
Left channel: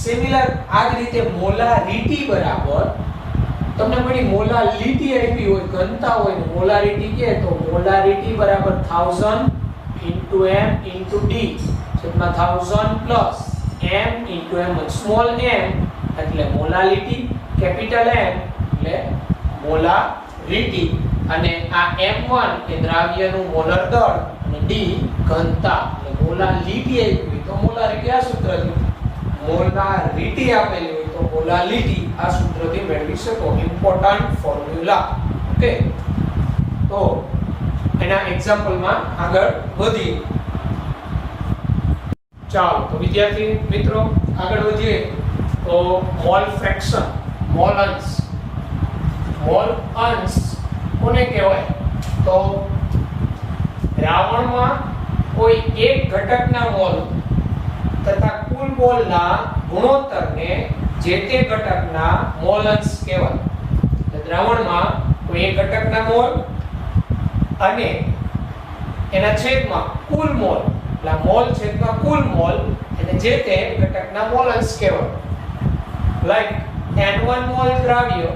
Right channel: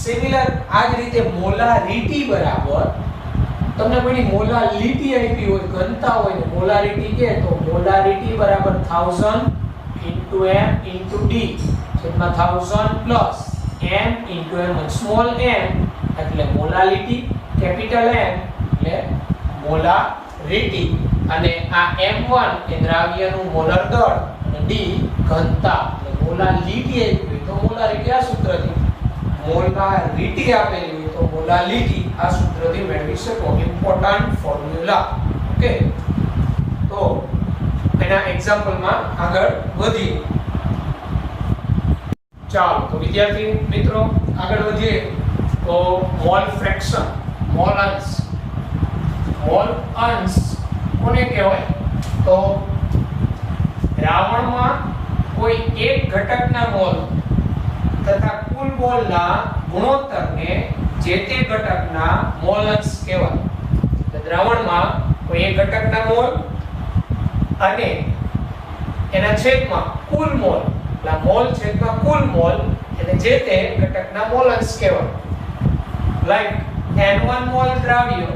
સિમિલર આ જ રીતે મોલારિટી બરાબર તમને કોઈ મોલાલિટી આપી હોય, ઘનતા હોય ને મોલારિટી કે તો મોલારિટી બરાબર 1000 into m into d છેદમાં 1000 plus m into m1. Small m એટલે મોલાલિટી, કેપિટલ M એટલે મોલારિટી. અને આ m1 એ દ્રાવ્યનું મોલર દળ અને d ઘનતા. એટલે મોલાલિટી આપી હોય તો મોલારિટી આ સૂત્રથી, મોલારિટી આપેલી હોય તો મોલાલિટી આ સૂત્રથી મેળવી શકો. Important formula. ઓકે. તો એના એક્ઝામ્પલમાં આગળ વધીએ. ચાલો તો વિદ્યાર્થી મિત્રો આગળ વધીએ તો મોલ ફ્રેક્શન, મોલ અંશ. મોલ અંશ કોને કહેવાય? તો દ્રાવણમાં કોઈ એક ઘટકના મોલ તથા કુલ મોલના ગુણોત્તરને જે તે ઘટકના મોલ અંશ કહેવાય. દ્રાવણમાં કોઈ એક ઘટકના મોલ અને એના છેદમાં કુલ મોલ, એટલે મોલ છેદમાં કુલ મોલ એટલે જે તે ઘટકના મોલ અંશ કહેવાય. લાઈક n1 મોલ દ્રાવ્ય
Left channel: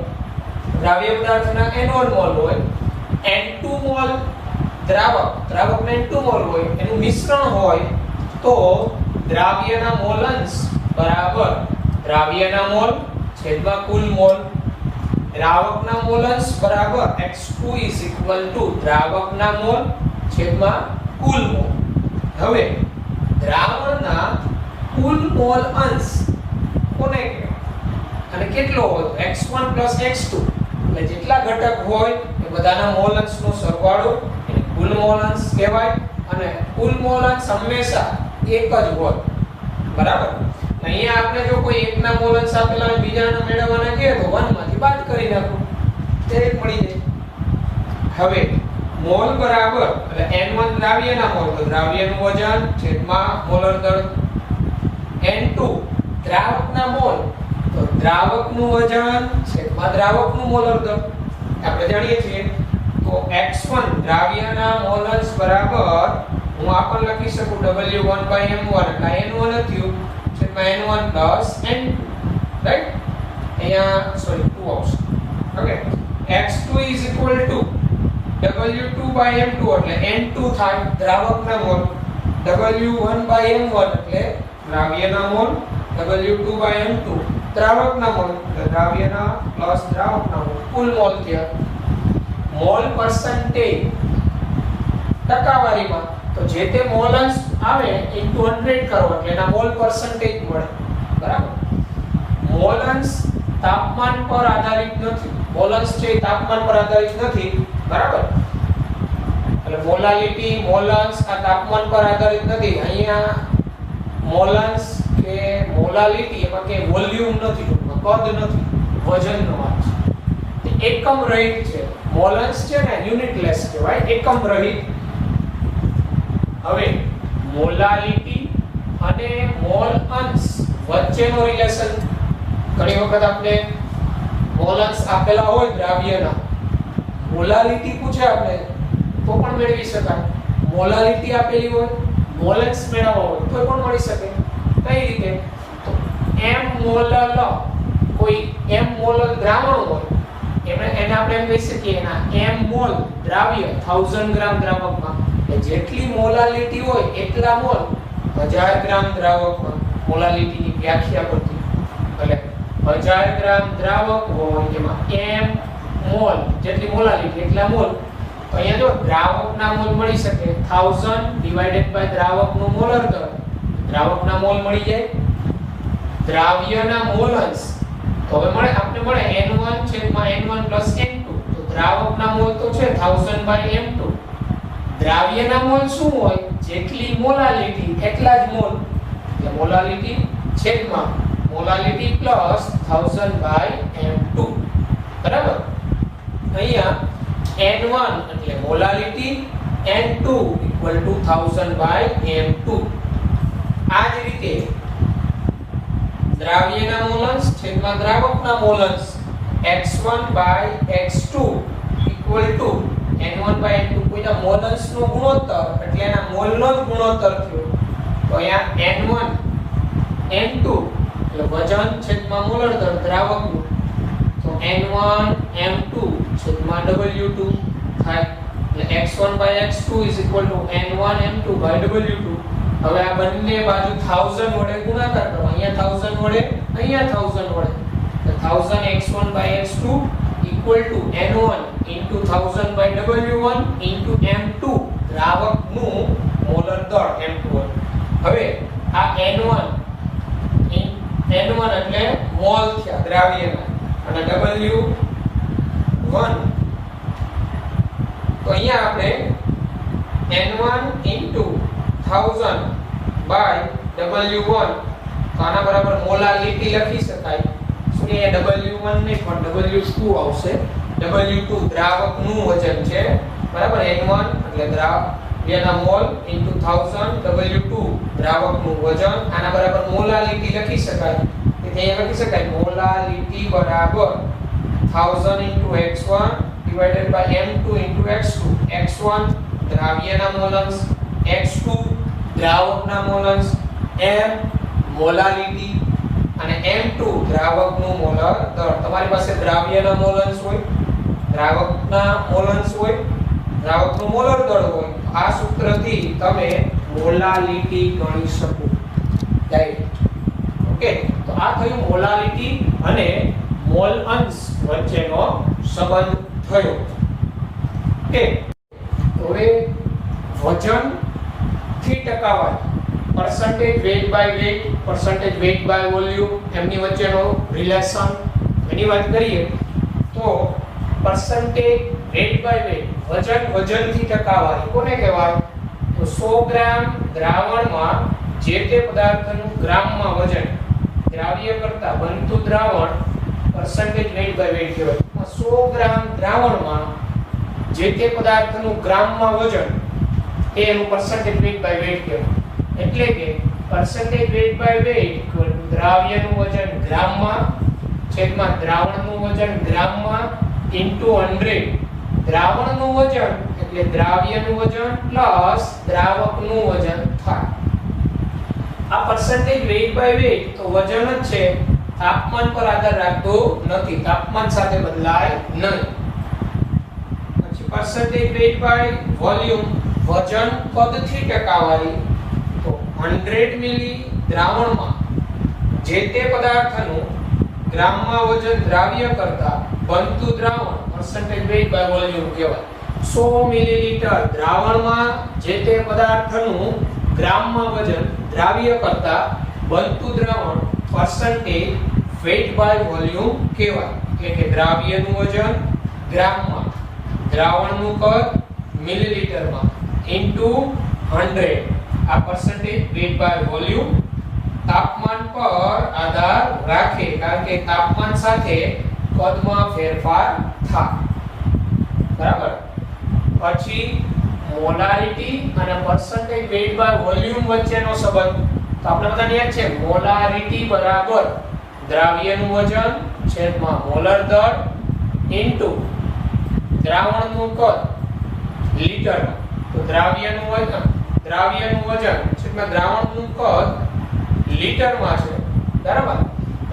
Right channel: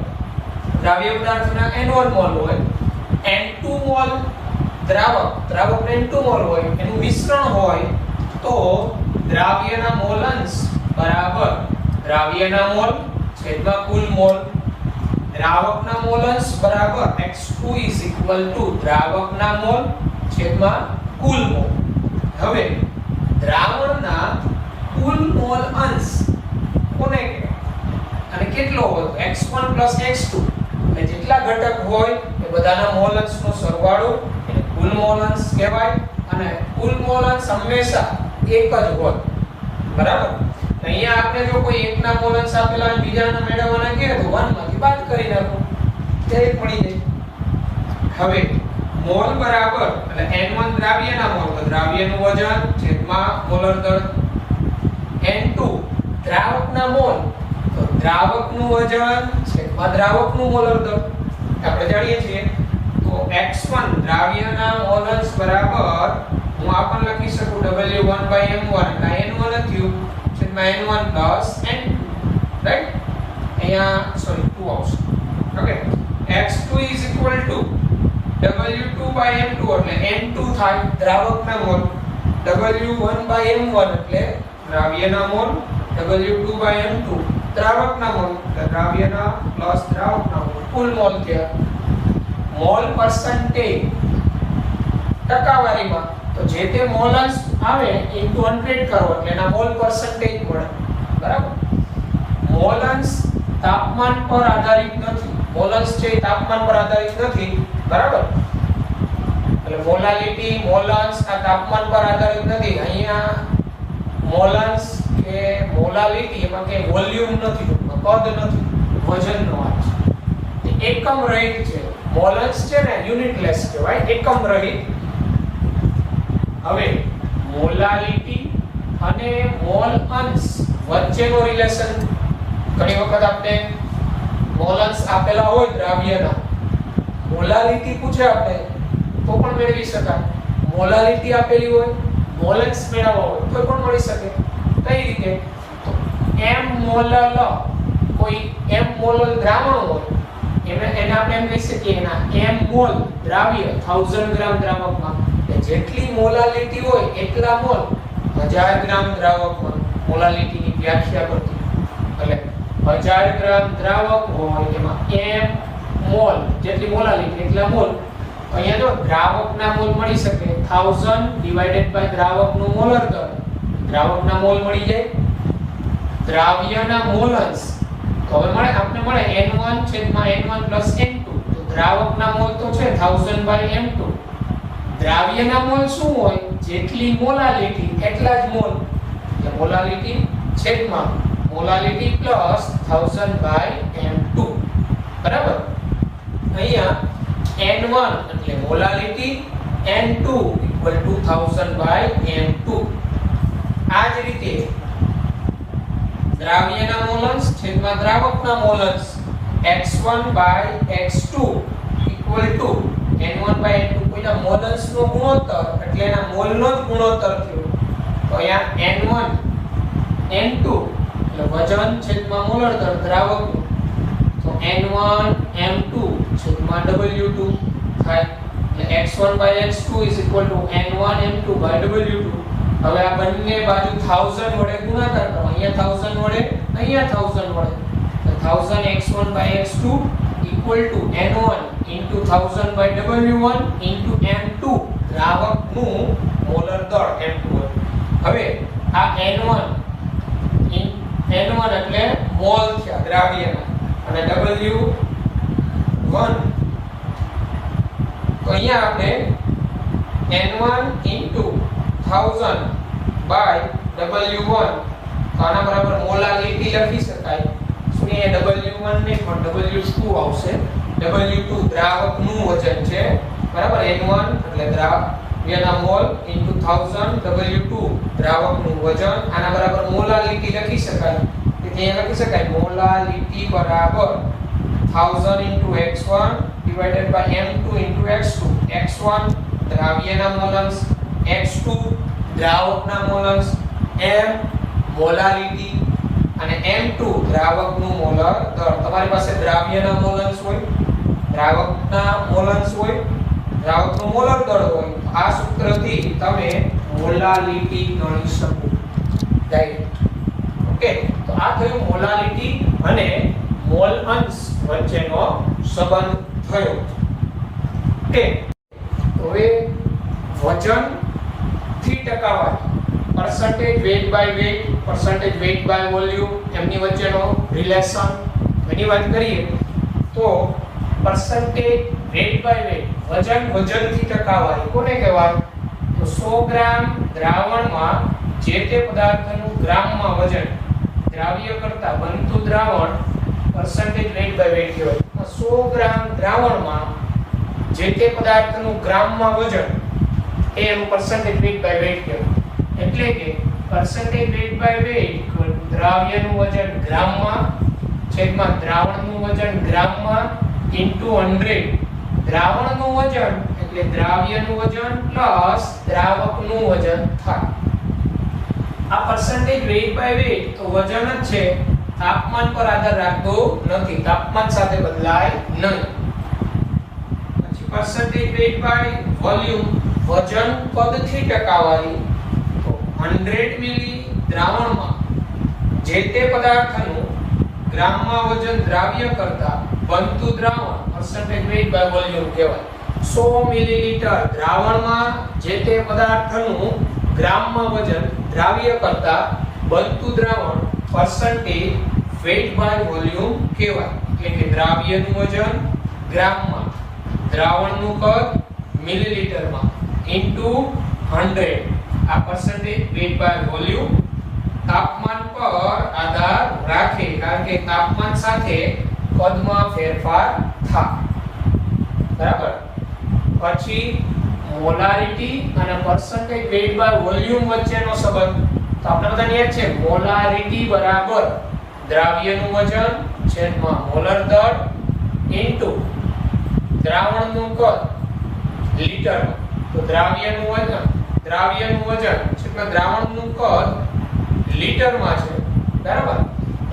પદાર્થના n1 મોલ હોય, n2 મોલ દ્રાવકના n2 મોલ હોય, એનું મિશ્રણ હોય તો દ્રાવ્યના મોલ અંશ બરાબર દ્રાવ્યના મોલ છેદમાં કુલ મોલ. દ્રાવકના મોલ અંશ બરાબર x2 દ્રાવકના મોલ છેદમાં કુલ મોલ. હવે દ્રાવણના કુલ મોલ અંશ કોને કહેવાય અને કેટલો હોય? x1 x2. એટલે જેટલા ઘટક હોય એ બધાના મોલ અંશનો સરવાળો એટલે કુલ મોલ અંશ કહેવાય. અને કુલ મોલ અંશ હંમેશા એક જ હોય. બરાબર. અહીંયા આપણે જો કોઈ એકના મોલ અંશ આપેલા અને બીજાના મેળવવાના કહે તો 1 માંથી બાદ કરી નાખો તે પડી જાય. હવે મોલ બરાબર એટલે n1 દ્રાવ્યના મોલ તો દ્રાવ્યનું વજન છેદમાં મોલર દળ, n2 દ્રાવકના મોલ તો દ્રાવકનું વજન છેદમાં દ્રાવકનું મોલર દળ આપણે જાણીએ છીએ. તો x1 દ્રાવ્યના મોલસ બરાબર હું આ પણ લખી શકું W1/m1 એટલે n1 થયું છેદમાં n1 પ્લસ n2 રાઈટ. અહીંયા સોરી 2 આવશે. Okay x2 is equal to W2/m2 એટલે n2 થાય દ્રાવકના મોલ, W1/m1 એટલે દ્રાવ્યના મોલ, W2/m2 દ્રાવકના મોલ, દ્રાવ્યના પ્લસ દ્રાવકના મોલ, કુલ મોલ થયા. મોલ પર્સન્ટેજ ટકાવારીમાં તો જે તે મોલન્સ આવે ઇન્ટુ 100 કરો એટલે એના મોલ પર્સન્ટેજ મળે. બરાબર. મોલન્સ તાપમાન પર આધારિત નથી. મોલન્સ છે તાપમાન પર આધારિત નથી. બરાબર. એટલે મોલાલિટી મોલન્સ આ તાપમાન પર આધારિત નથી. અહીંયા મોલન્સ કે મોલાલિટી એમાં કે વોલ્યુમ નથી, કદ નથી, વજનનો વાત છે. એકમ રહિત છે. મોલન્સ છે ને યુનિટલેસ કહેવાય, એકમ રહિત. હવે મોલાલિટી અને મોલ અંશ વચ્ચેનો રિલેશન ઘણી વખત આપણે મોલન્સ આપેલા હોય દ્રાવ્યના, મોલાલિટી પૂછે આપણે તો પણ મેળવી શકાય. મોલાલિટી આપેલી હોય મોલન્સ મેળવવો હોય તો પણ મળી શકે. કઈ રીતે? m મોલલ કોઈ m મોલલ દ્રાવણ હોય એને આપણે એમ કહી શકીએ એના m મોલ દ્રાવ્ય 1000 ગ્રામ દ્રાવકમાં કે જેટલી મોલાલિટી હોય એટલા મોલ 1000 ગ્રામ દ્રાવકમાં. મોલાલિટીની વ્યાખ્યા કરતી એટલે 1000 ગ્રામ દ્રાવક હોય એમાં m મોલ જેટલી મોલાલિટી એટલા મોલ. અહીંયા જો દ્રાવકના મોલ મળી શકે 1000 ડિવાઇડેડ બાય દ્રાવકનું મોલર દળ, દ્રાવકના મોલ મળી જાય. દ્રાવ્યના મોલન્સ તો હવે મળે આપણે મળે n1 છેદમાં n1 પ્લસ n2. તો દ્રાવકના મોલ તો છે 1000/m2. દ્રાવ્યના મોલ શું હોય? જેટલી મોલાલિટી એટલા જ મોલ. એટલે મોલાલિટી છેદમાં મોલાલિટી પ્લસ 1000/m2. બરાબર. અહીંયા n1 એટલે મોલાલિટી, n2 1000/m2. આ જ રીતે દ્રાવ્યના મોલન્સ છેદમાં દ્રાવકના મોલન્સ x1/x2 n1/n2. કોઈના મોલન્સનો ગુણોત્તર એટલે એના મોલનો જ ગુણોત્તર થયો. તો અહીંયા n1 n2 એટલે વજન છેદમાં મોલર દળ દ્રાવકનું. તો n1 m2 છેદમાં w2 થાય. એટલે x1/x2 n1 m2/w2. હવે આ બંને બાજુ 1000 વડે ગુણાકાર કરો. અહીંયા 1000 વડે, અહીંયા 1000 વડે. તો 1000 x1/x2 n1 1000/w1 m2 દ્રાવકનું molar દળ m2. હવે આ n1 એટલે મોલ થયા દ્રાવ્યના અને w1 તો અહીંયા આપણે n1 1000/w1 તો આના બરાબર મોલાલિટી લખી શકાય. શું અહીંયા w1 નહીં પણ w2 આવશે. w2 દ્રાવકનું વજન છે. બરાબર. n1 એટલે દ્રાવ્યના મોલ into 1000 w2 દ્રાવકનું વજન. આના બરાબર મોલાલિટી લખી શકાય. અહીંયા લખી શકાય મોલાલિટી બરાબર 1000 into x1 divided by m2 into x2. x1 દ્રાવ્યના મોલન્સ, x2 દ્રાવકના મોલન્સ, m molality અને m2 દ્રાવકનું મોલર દળ. તમારી પાસે દ્રાવ્યના મોલન્સ હોય, દ્રાવકના મોલન્સ હોય, દ્રાવકનું મોલર દળ હોય, આ સૂત્રથી તમે મોલાલિટી ગણી શકો ડાયરેક્ટ. ઓકે. તો આ થયું મોલાલિટી અને મોલ અંશ વચ્ચેનો સંબંધ થયો. ઓકે. હવે વજન થી ટકાવારી, percentage weight by weight, percentage weight by volume એમની વચ્ચેનો રિલેશન એની વાત કરીએ તો percentage weight by weight વજનથી ટકાવારી કોને કહેવાય? તો 100 ગ્રામ દ્રાવણમાં જે તે પદાર્થનું ગ્રામમાં વજન, દ્રાવ્ય કરતા બનતું દ્રાવણ percentage weight by weight કહેવાય. 100 ગ્રામ દ્રાવણમાં જે તે પદાર્થનું ગ્રામમાં વજન એ એનું percentage weight by weight કહેવાય. એટલે કે percentage weight by weight equal to દ્રાવ્યનું વજન ગ્રામમાં છેદમાં દ્રાવણનું વજન ગ્રામમાં into 100. દ્રાવણનું વજન એટલે દ્રાવ્યનું વજન પ્લસ દ્રાવકનું વજન થાય. આ percentage weight by weight તો વજન જ છે, તાપમાન પર આધાર રાખતો નથી, તાપમાન સાથે બદલાય નહીં. પછી percentage weight by volume વજન પદથી ટકાવારી તો 100 મિલી દ્રાવણમાં જે તે પદાર્થનું ગ્રામમાં વજન દ્રાવ્ય કરતા બનતું દ્રાવણ percentage weight by volume કહેવાય. 100 મિલીલીટર દ્રાવણમાં જે તે પદાર્થનું ગ્રામમાં વજન દ્રાવ્ય કરતા બનતું દ્રાવણ percentage weight by volume કહેવાય. એટલે કે દ્રાવ્યનું વજન ગ્રામમાં, દ્રાવણનું કદ મિલીલીટરમાં into 100. આ percentage weight by volume તાપમાન પર આધાર રાખે, કારણ કે તાપમાન સાથે કદમાં ફેરફાર થાય. બરાબર. પછી મોલારિટી અને percentage weight by volume વચ્ચેનો સંબંધ તો આપણે બધાને યાદ છે, મોલારિટી બરાબર દ્રાવ્યનું વજન છેદમાં મોલર દળ ઇન્ટુ દ્રાવણનું કદ લીટરમાં. તો દ્રાવ્યનું વજન છેદમાં દ્રાવણનું કદ લીટરમાં છે. બરાબર.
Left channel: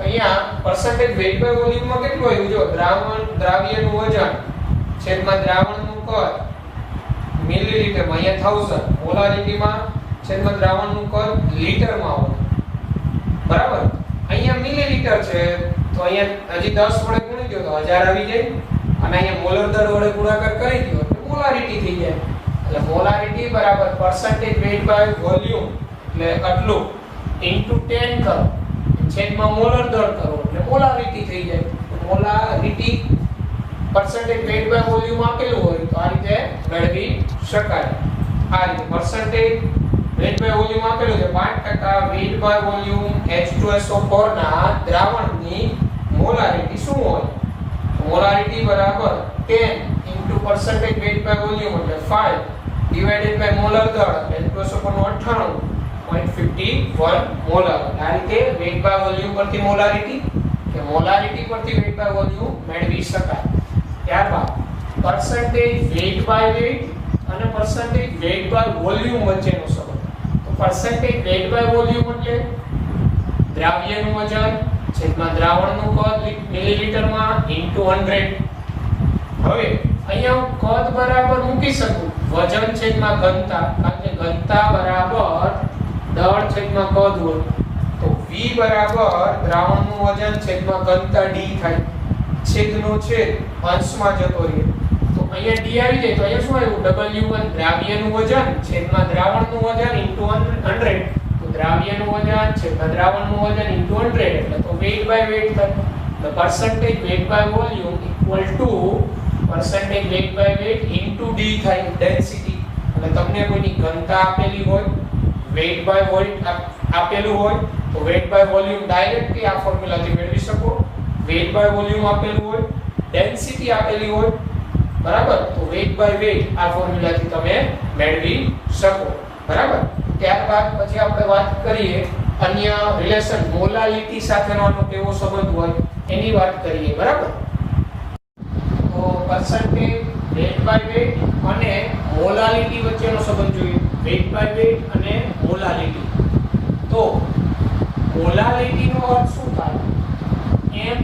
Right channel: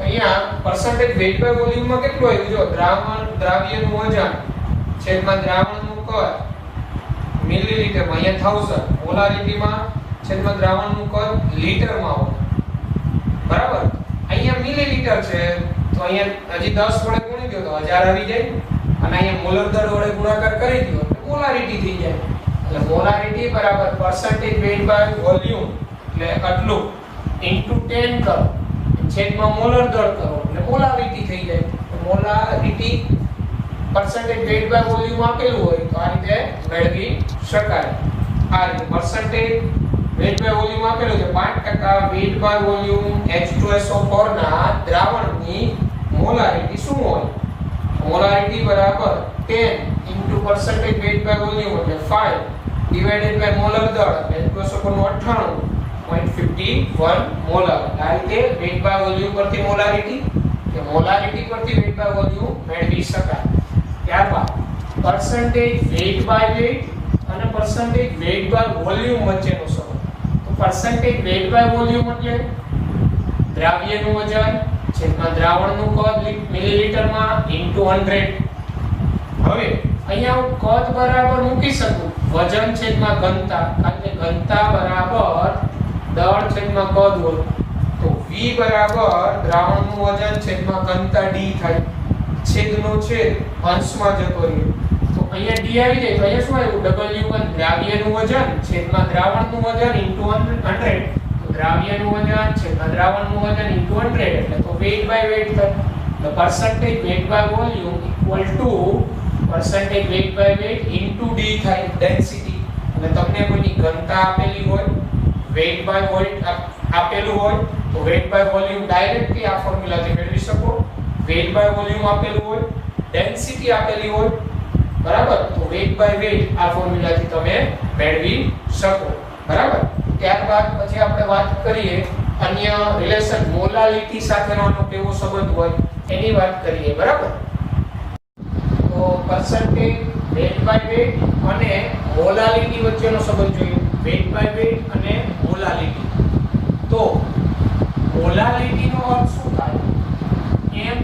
અહીંયા percentage weight by volume માં કેટલું આવ્યું? જો દ્રાવ્યનું વજન છેદમાં દ્રાવણનું કદ મિલીલીટરમાં, અહીંયા 1000, મોલારિટીમાં છેદમાં દ્રાવણનું કદ લીટરમાં હોય. બરાબર. અહીંયા મિલીલીટર છે તો અહીંયા હજી 10 વડે ગુણી દો તો 1000 આવી જાય, અને અહીંયા મોલર દર વડે ગુણાકાર કરી દો તો મોલારિટી થઈ જાય. એટલે મોલારિટી બરાબર percentage weight by volume એટલે આટલું into 10 કરો છેદમાં મોલર દર કરો એટલે મોલારિટી થઈ જાય. તો molarity percentage weight by volume આપેલું હોય તો આ રીતે મેળવી શકાય. આ રીતે percentage weight by volume આપેલું છે 5% weight by volume H2SO4 ના દ્રાવણની મોલારિટી શું હોય? મોલારિટી બરાબર 10 into percentage weight by volume એટલે 5 divided by મોલર દર એટલે H2SO4 નું 98.51 મોલર. આ રીતે weight by volume પરથી મોલારિટી કે મોલારિટી પરથી weight by volume મેળવી શકાય. ત્યારબાદ percentage weight by weight અને percentage weight by volume વચ્ચેનો સંબંધ. તો percentage weight by volume એટલે દ્રાવ્યનું વજન છેદમાં દ્રાવણનું કદ મિલીલીટરમાં into 100. હવે અહીંયા હું કદ બરાબર મૂકી શકું વજન છેદમાં ઘનતા, કારણ કે ઘનતા બરાબર દળ છેદમાં કદ હોય. તો v બરાબર દ્રાવણનું વજન છેદમાં ઘનતા d થાય. છેદનો છેદ અંશમાં જતો રહે તો અહીંયા d આવી જાય. તો અહીંયા શું આવ્યું? w1 દ્રાવ્યનું વજન છેદમાં દ્રાવણનું વજન into 100. તો દ્રાવ્યનું વજન છેદમાં દ્રાવણનું વજન into 100 એટલે તો weight by weight થાય. The percentage weight by volume equal to percentage weight by weight into d થાય, density. એટલે તમને કોઈની ઘનતા આપેલી હોય, weight by weight આપેલું હોય તો weight by volume ડાયરેક્ટલી આ ફોર્મ્યુલાથી મેળવી શકો. weight by volume આપેલું હોય, density આપેલી હોય, બરાબર, તો weight by weight આ ફોર્મ્યુલાથી તમે મેળવી શકો. બરાબર. ત્યારબાદ પછી આપણે વાત કરીએ અન્ય રિલેશન મોલાલિટી સાથેનો કેવો સંબંધ હોય એની વાત કરીએ. બરાબર. તો percentage weight by weight અને મોલાલિટી વચ્ચેનો સંબંધ જોઈએ. weight by weight અને મોલાલિટી. તો મોલાલિટીનો અર્થ શું થાય? એમ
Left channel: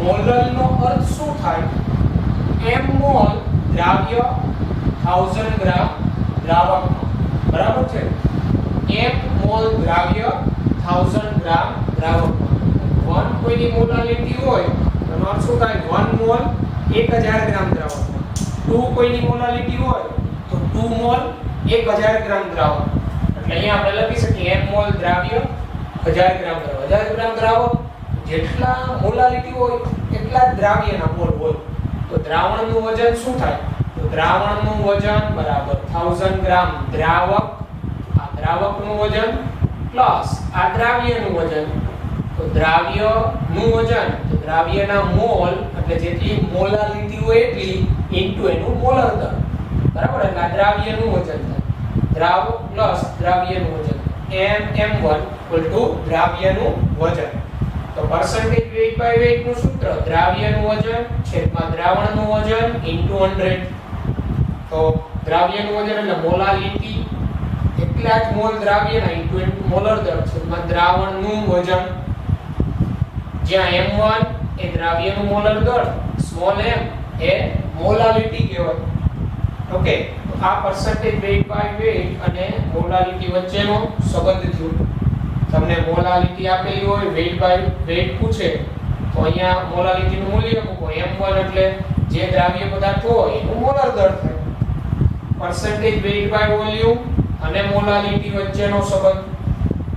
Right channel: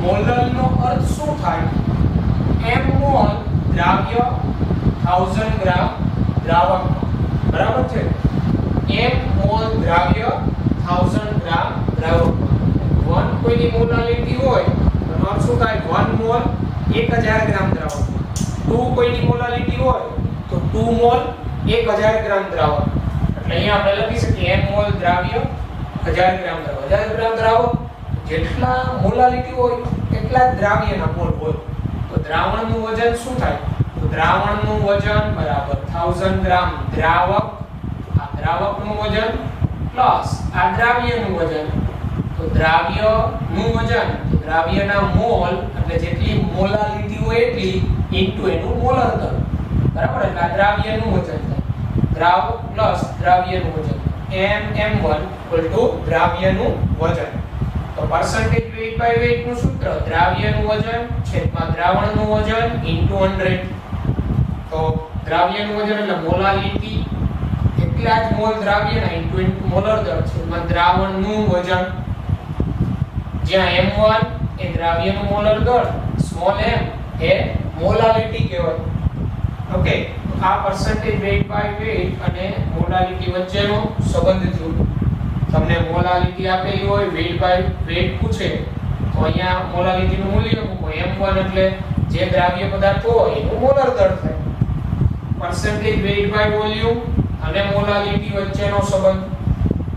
મોલનો અર્થ શું થાય? m મોલ દ્રાવ્ય 1000 ગ્રામ દ્રાવકમાં. બરાબર છે. m મોલ દ્રાવ્ય 1000 ગ્રામ દ્રાવકમાં. 1 કોઈની મોલાલિટી હોય તો એનો અર્થ શું થાય? 1 મોલ 1000 ગ્રામ દ્રાવકમાં. 2 કોઈની મોલાલિટી હોય તો 2 મોલ 1000 ગ્રામ દ્રાવક. એટલે અહીંયા આપણે લખી શકીએ m મોલ દ્રાવ્ય 1000 ગ્રામ દ્રાવક. 1000 ગ્રામ દ્રાવક જેટલા મોલાલિટી હોય એટલા જ દ્રાવ્યના મોલ હોય. તો દ્રાવણનું વજન શું થાય? તો દ્રાવણનું વજન બરાબર 1000 ગ્રામ દ્રાવક, આ દ્રાવકનું વજન પ્લસ આ દ્રાવ્યનું વજન. તો દ્રાવ્યનું વજન તો દ્રાવ્યના મોલ એટલે જેટલી મોલાલિટી હોય એટલી ઇન્ટુ એનું મોલર દર. બરાબર. એટલે આ દ્રાવ્યનું વજન થાય. દ્રાવક પ્લસ દ્રાવ્યનું વજન. mm1 = દ્રાવ્યનું વજન. તો percentage weight by weight નું સૂત્ર દ્રાવ્યનું વજન છેદમાં દ્રાવણનું વજન into 100. તો દ્રાવ્યનું વજન એટલે મોલાલિટી, એટલા જ મોલ દ્રાવ્યના into મોલર દર છેદમાં દ્રાવણનું વજન, જ્યાં m1 એ દ્રાવ્યનું મોલર દર, સ્મોલ m એ મોલાલિટી કહેવાય. ઓકે, તો આ percentage weight by weight અને મોલાલિટી વચ્ચેનો સંબંધ થયો. તમને મોલાલિટી આપેલી હોય, weight by weight પૂછે તો અહીંયા મોલાલિટીનું મૂલ્ય મૂકો. m1 એટલે જે દ્રાવ્ય પદાર્થ હોય એનું મોલર દર થાય. percentage weight by volume અને મોલાલિટી વચ્ચેનો સંબંધ,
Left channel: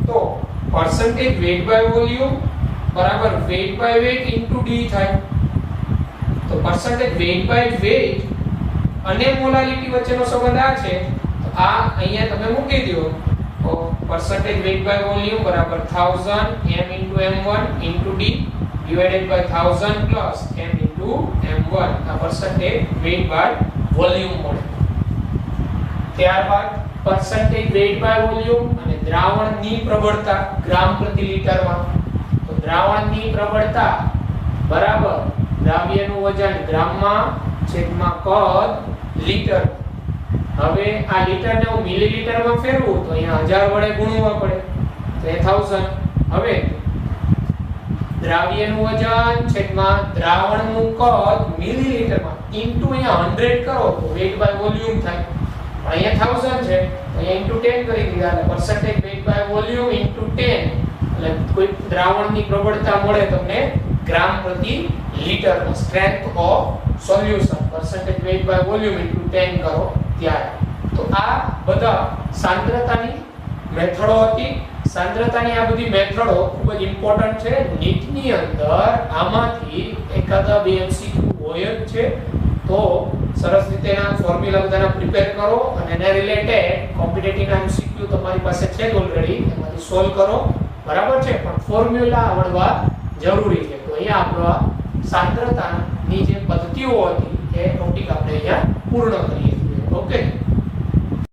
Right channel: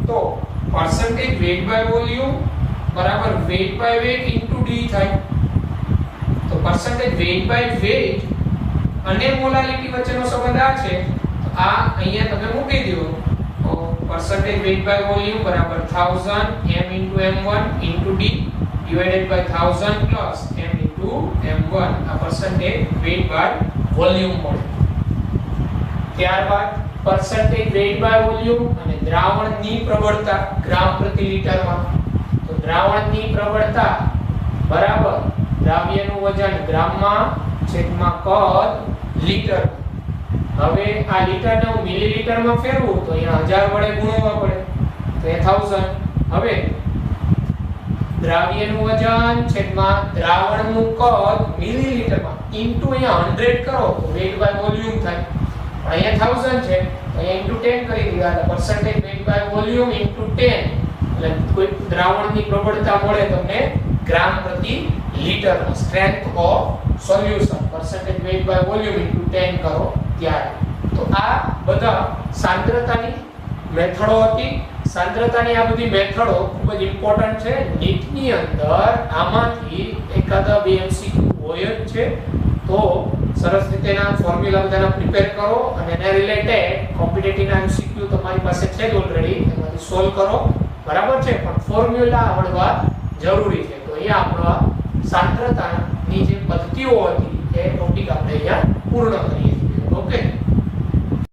તો percentage weight by volume બરાબર weight by weight into d થાય. તો percentage weight by weight અને મોલાલિટી વચ્ચેનો સંબંધ આ છે, તો આ અહીંયા તમે મૂકી દો. તો percentage weight by volume બરાબર 1000 m into m1 into d divided by 1000 plus m into m1. આ percentage weight by volume મળે. ત્યારબાદ percentage weight by volume અને દ્રાવણની પ્રબળતા ગ્રામ પ્રતિ લિટરમાં. તો દ્રાવણની પ્રબળતા બરાબર દ્રાવ્યનું વજન ગ્રામમાં છેદમાં કદ લિટર. હવે આ લિટરને હું મિલીલીટરમાં ફેરવું તો અહીંયા 1000 વડે ગુણવા પડે, તો એ 1000. હવે દ્રાવ્યનું વજન છેદમાં દ્રાવણનું કદ મિલીલીટરમાં ઇન્ટુ અહીંયા 100 કરો તો weight by volume થાય. અહીંયા 1000 છે તો અહીંયા ઇન્ટુ 10 કરી દીધા, એટલે percentage weight by volume into 10, એટલે કોઈ દ્રાવણની પ્રબળતા મળે તમને ગ્રામ પ્રતિ લિટરમાં. Strength of solution percentage weight by volume into 10 કરો ત્યારે. તો આ બધા સાંદ્રતાની મેથડો હતી. સાંદ્રતાની આ બધી મેથડો ખૂબ જ ઇમ્પોર્ટન્ટ છે. નીટની અંદર આમાંથી એકાદા બે MCQ હોય જ છે. તો સરસ રીતેના ફોર્મ્યુલા બધાના પ્રિપેર કરો અને એને રિલેટેડ કોમ્પિટિટિવના MCQ તમારી પાસે છે જ ઓલરેડી, એમાંથી સોલ્વ કરો. બરાબર છે, પણ ફોર્મ્યુલા આવડવા જરૂરી છે. તો અહીંયા આપણો સાંદ્રતાની જે પદ્ધતિઓ હતી એ ટોપિક આપણે અહીંયા પૂર્ણ કરીએ છીએ. ઓકે.